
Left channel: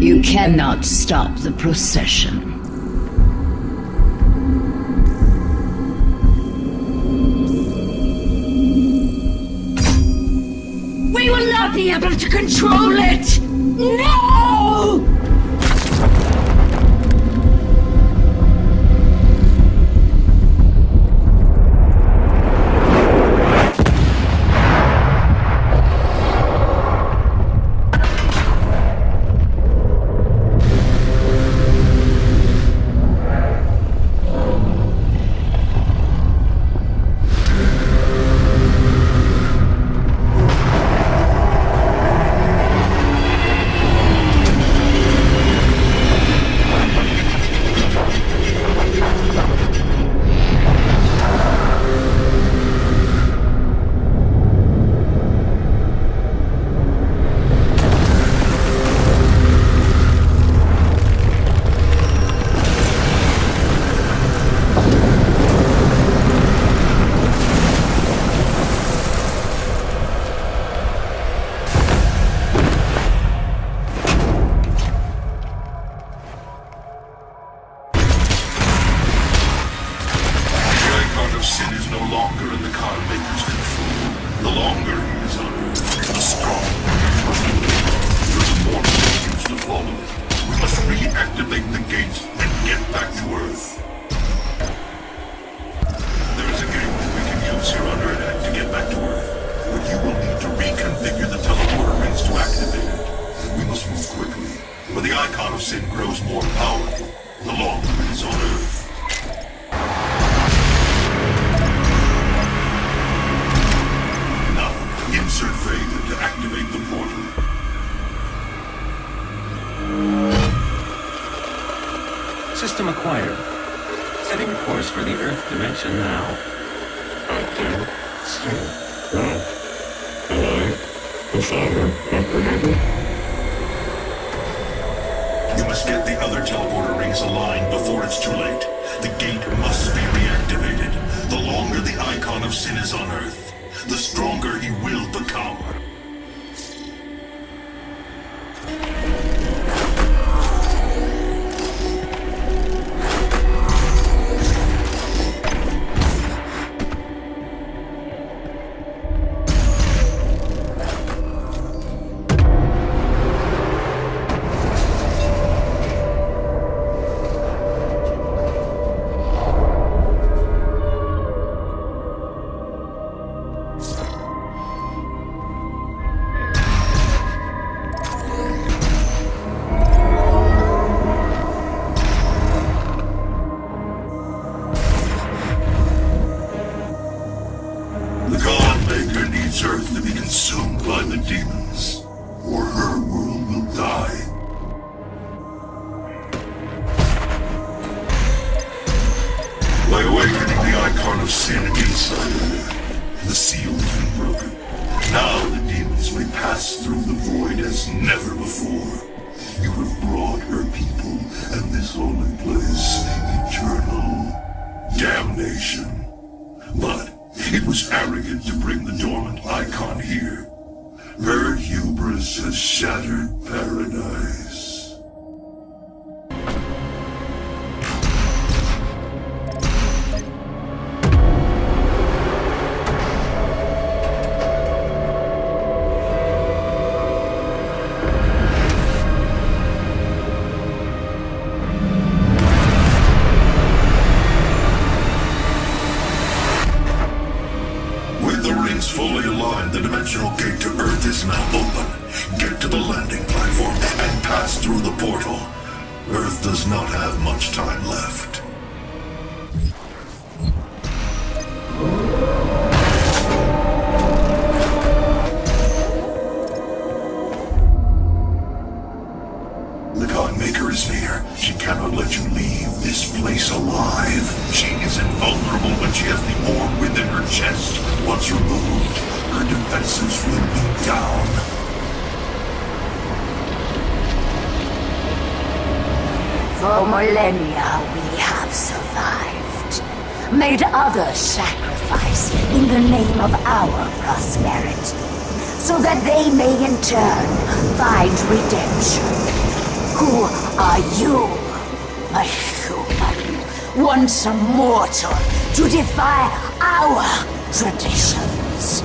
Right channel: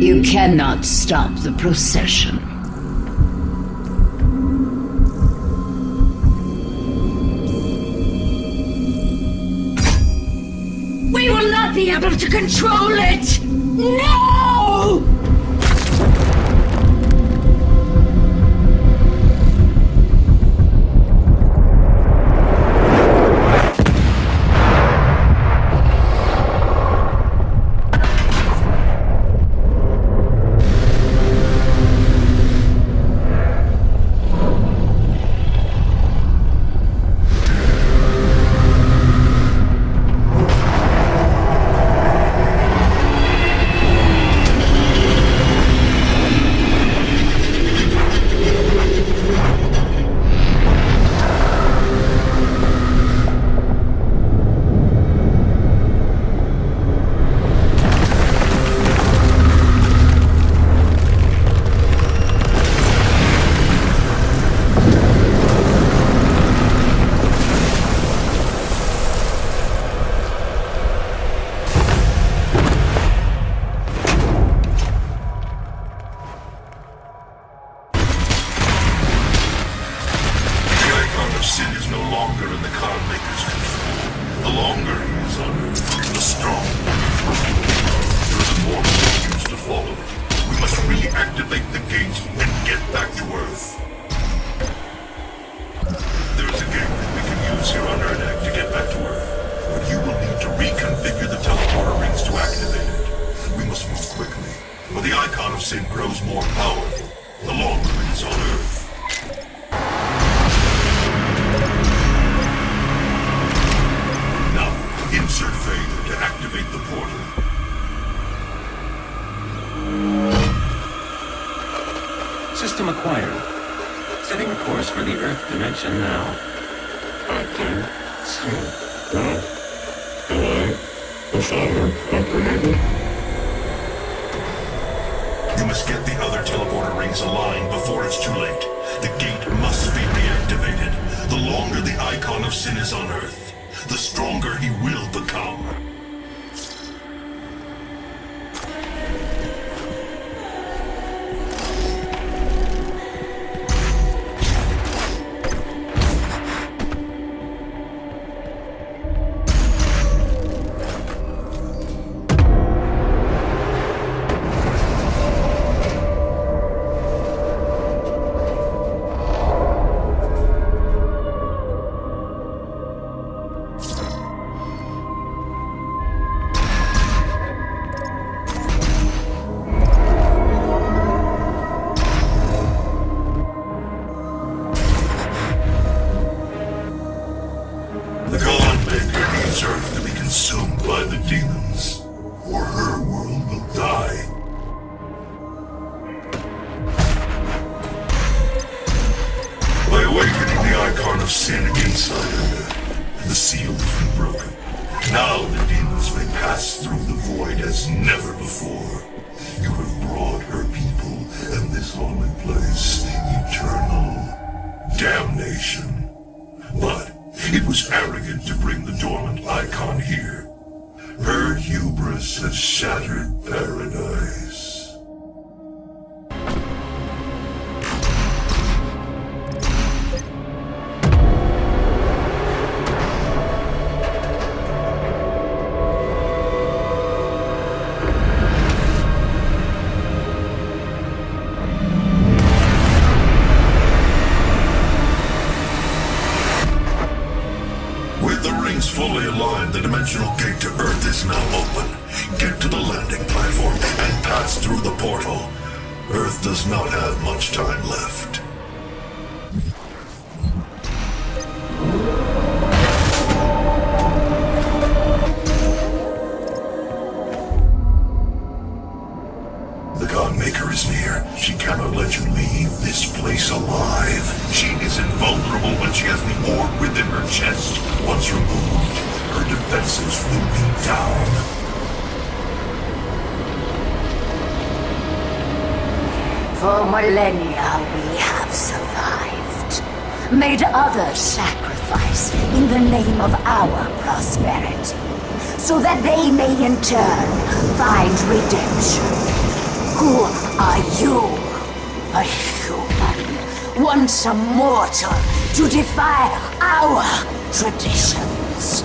You cannot stop the procession. We will not be able to control it! No! System acquired. Setting a course for the Earth dimension now. Acting. You must get the other teleporter rings aligned before it's too late. The gate must be reactivated. The longer the icon of sin is on Earth, the stronger he will become. awakening the icon of sin inside her. The seal has been broken. Now the demons may pass through the void as never before. You have brought her people and this holy place eternal damnation. But it was arrogant to bring the dormant icon here. Her hubris has shattered paradise. Fully aligned, the dimensional gate to Earth is now open. Get to the landing platform and pass through the portal. Earth does not have much time left. The Godmaker is near. She cannot let you leave this place alive. She is invulnerable when she has the orb within her chest. Once removed, her defenses will be down. For millennia we have survived. Made others sacrifice in the name of our prosperity. So that they may in turn find redemption. Who are you? A human, once a mortal, to defy our traditions.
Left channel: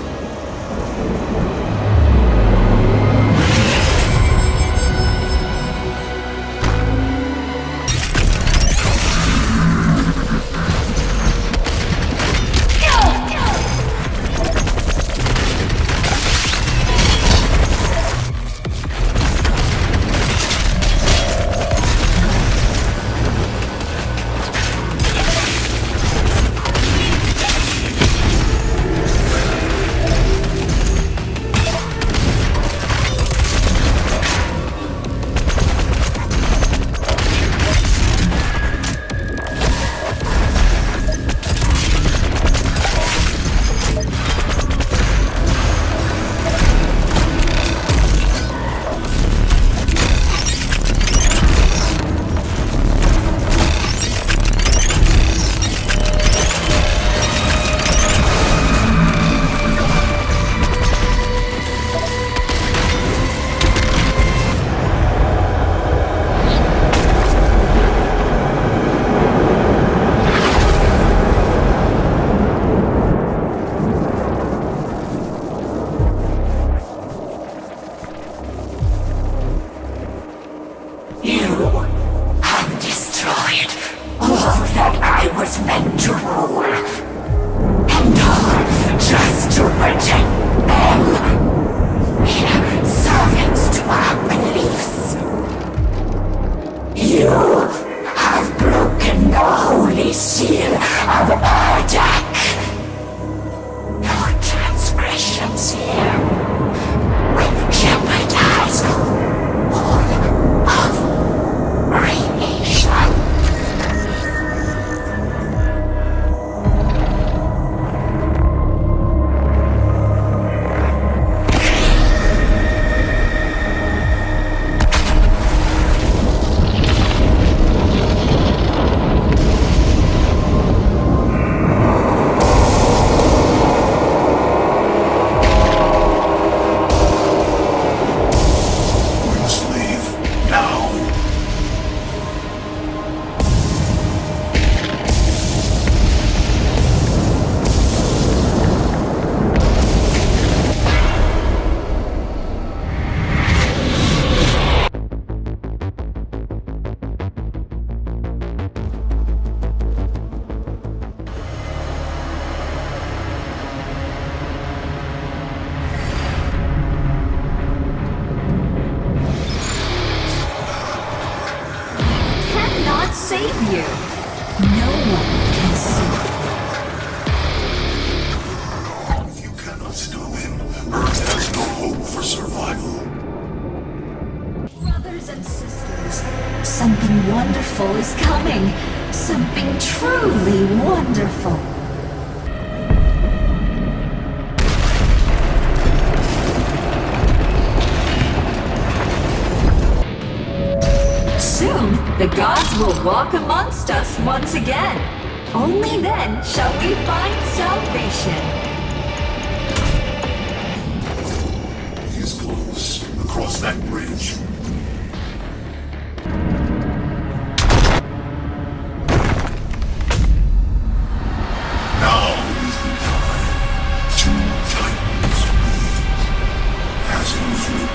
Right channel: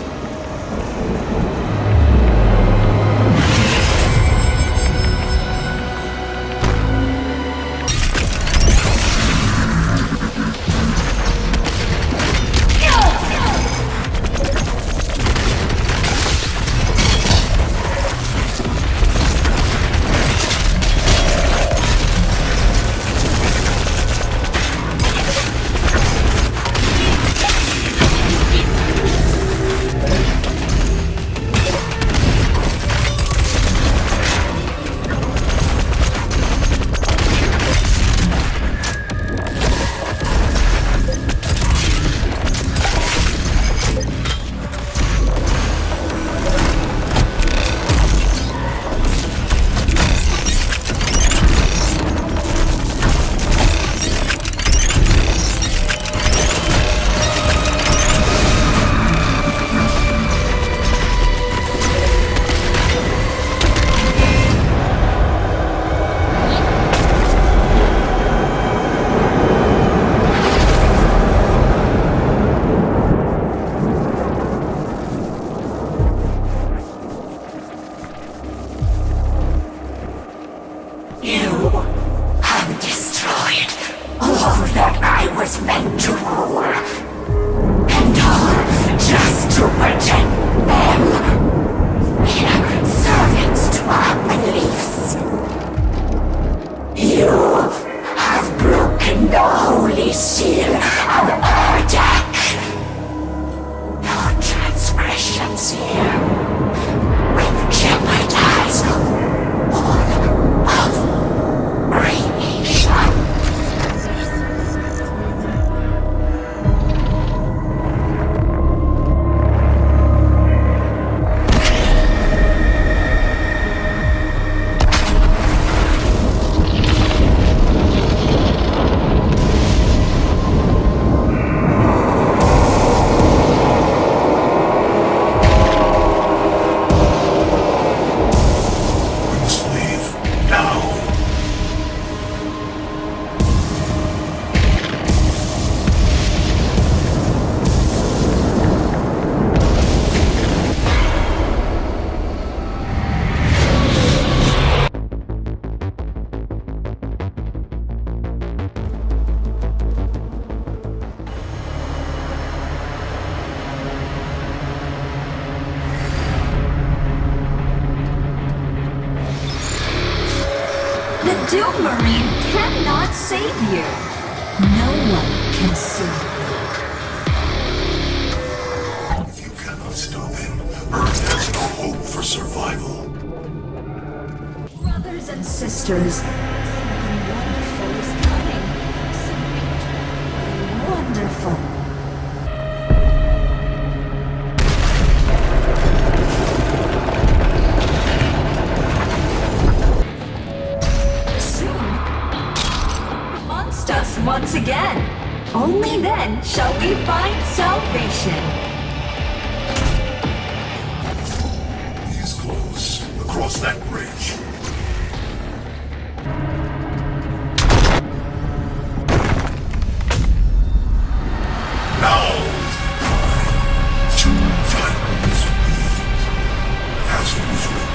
cannot save you. No one can save you. If you cannot stop him, Earth has no hope for survival. Brothers and sisters, something wonderful is coming. Something truly wonderful. Soon, the gods will walk amongst us once again. Only then shall we find salvation. He's close. Across that bridge. Now is the time. Two titans. As it was written.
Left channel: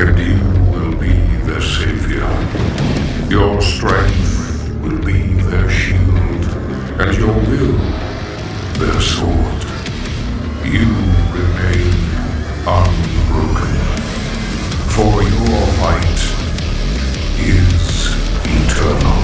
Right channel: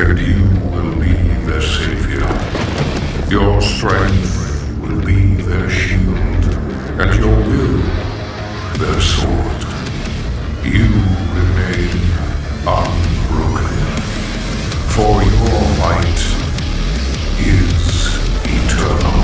and you will be their savior. Your strength will be their shield, and your will their sword. You remain unbroken, for your fight is eternal.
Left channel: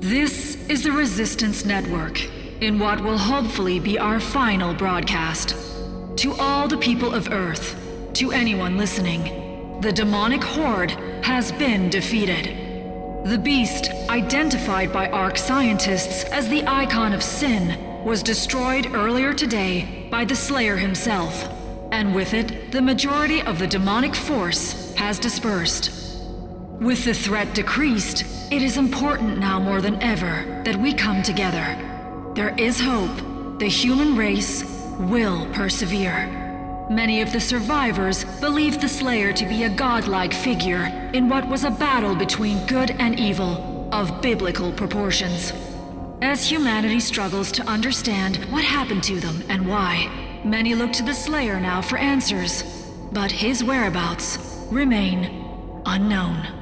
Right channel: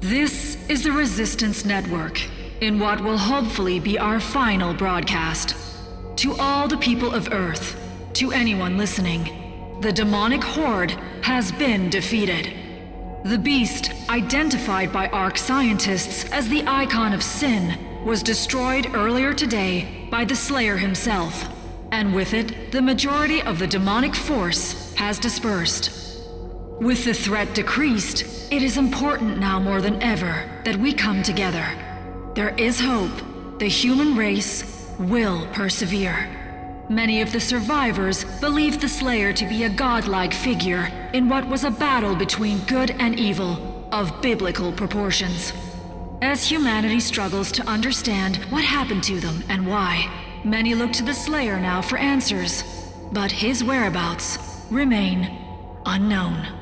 This is the Resistance Network, in what will hopefully be our final broadcast. To all the people of Earth, to anyone listening, the demonic horde has been defeated. The beast, identified by ARC scientists as the icon of sin, was destroyed earlier today by the Slayer himself, and with it, the majority of the demonic force has dispersed. With the threat decreased, it is important now more than ever that we come together. There is hope. The human race will persevere. Many of the survivors believed the Slayer to be a godlike figure in what was a battle between good and evil of biblical proportions. As humanity struggles to understand what happened to them and why, many look to the Slayer now for answers, but his whereabouts remain unknown.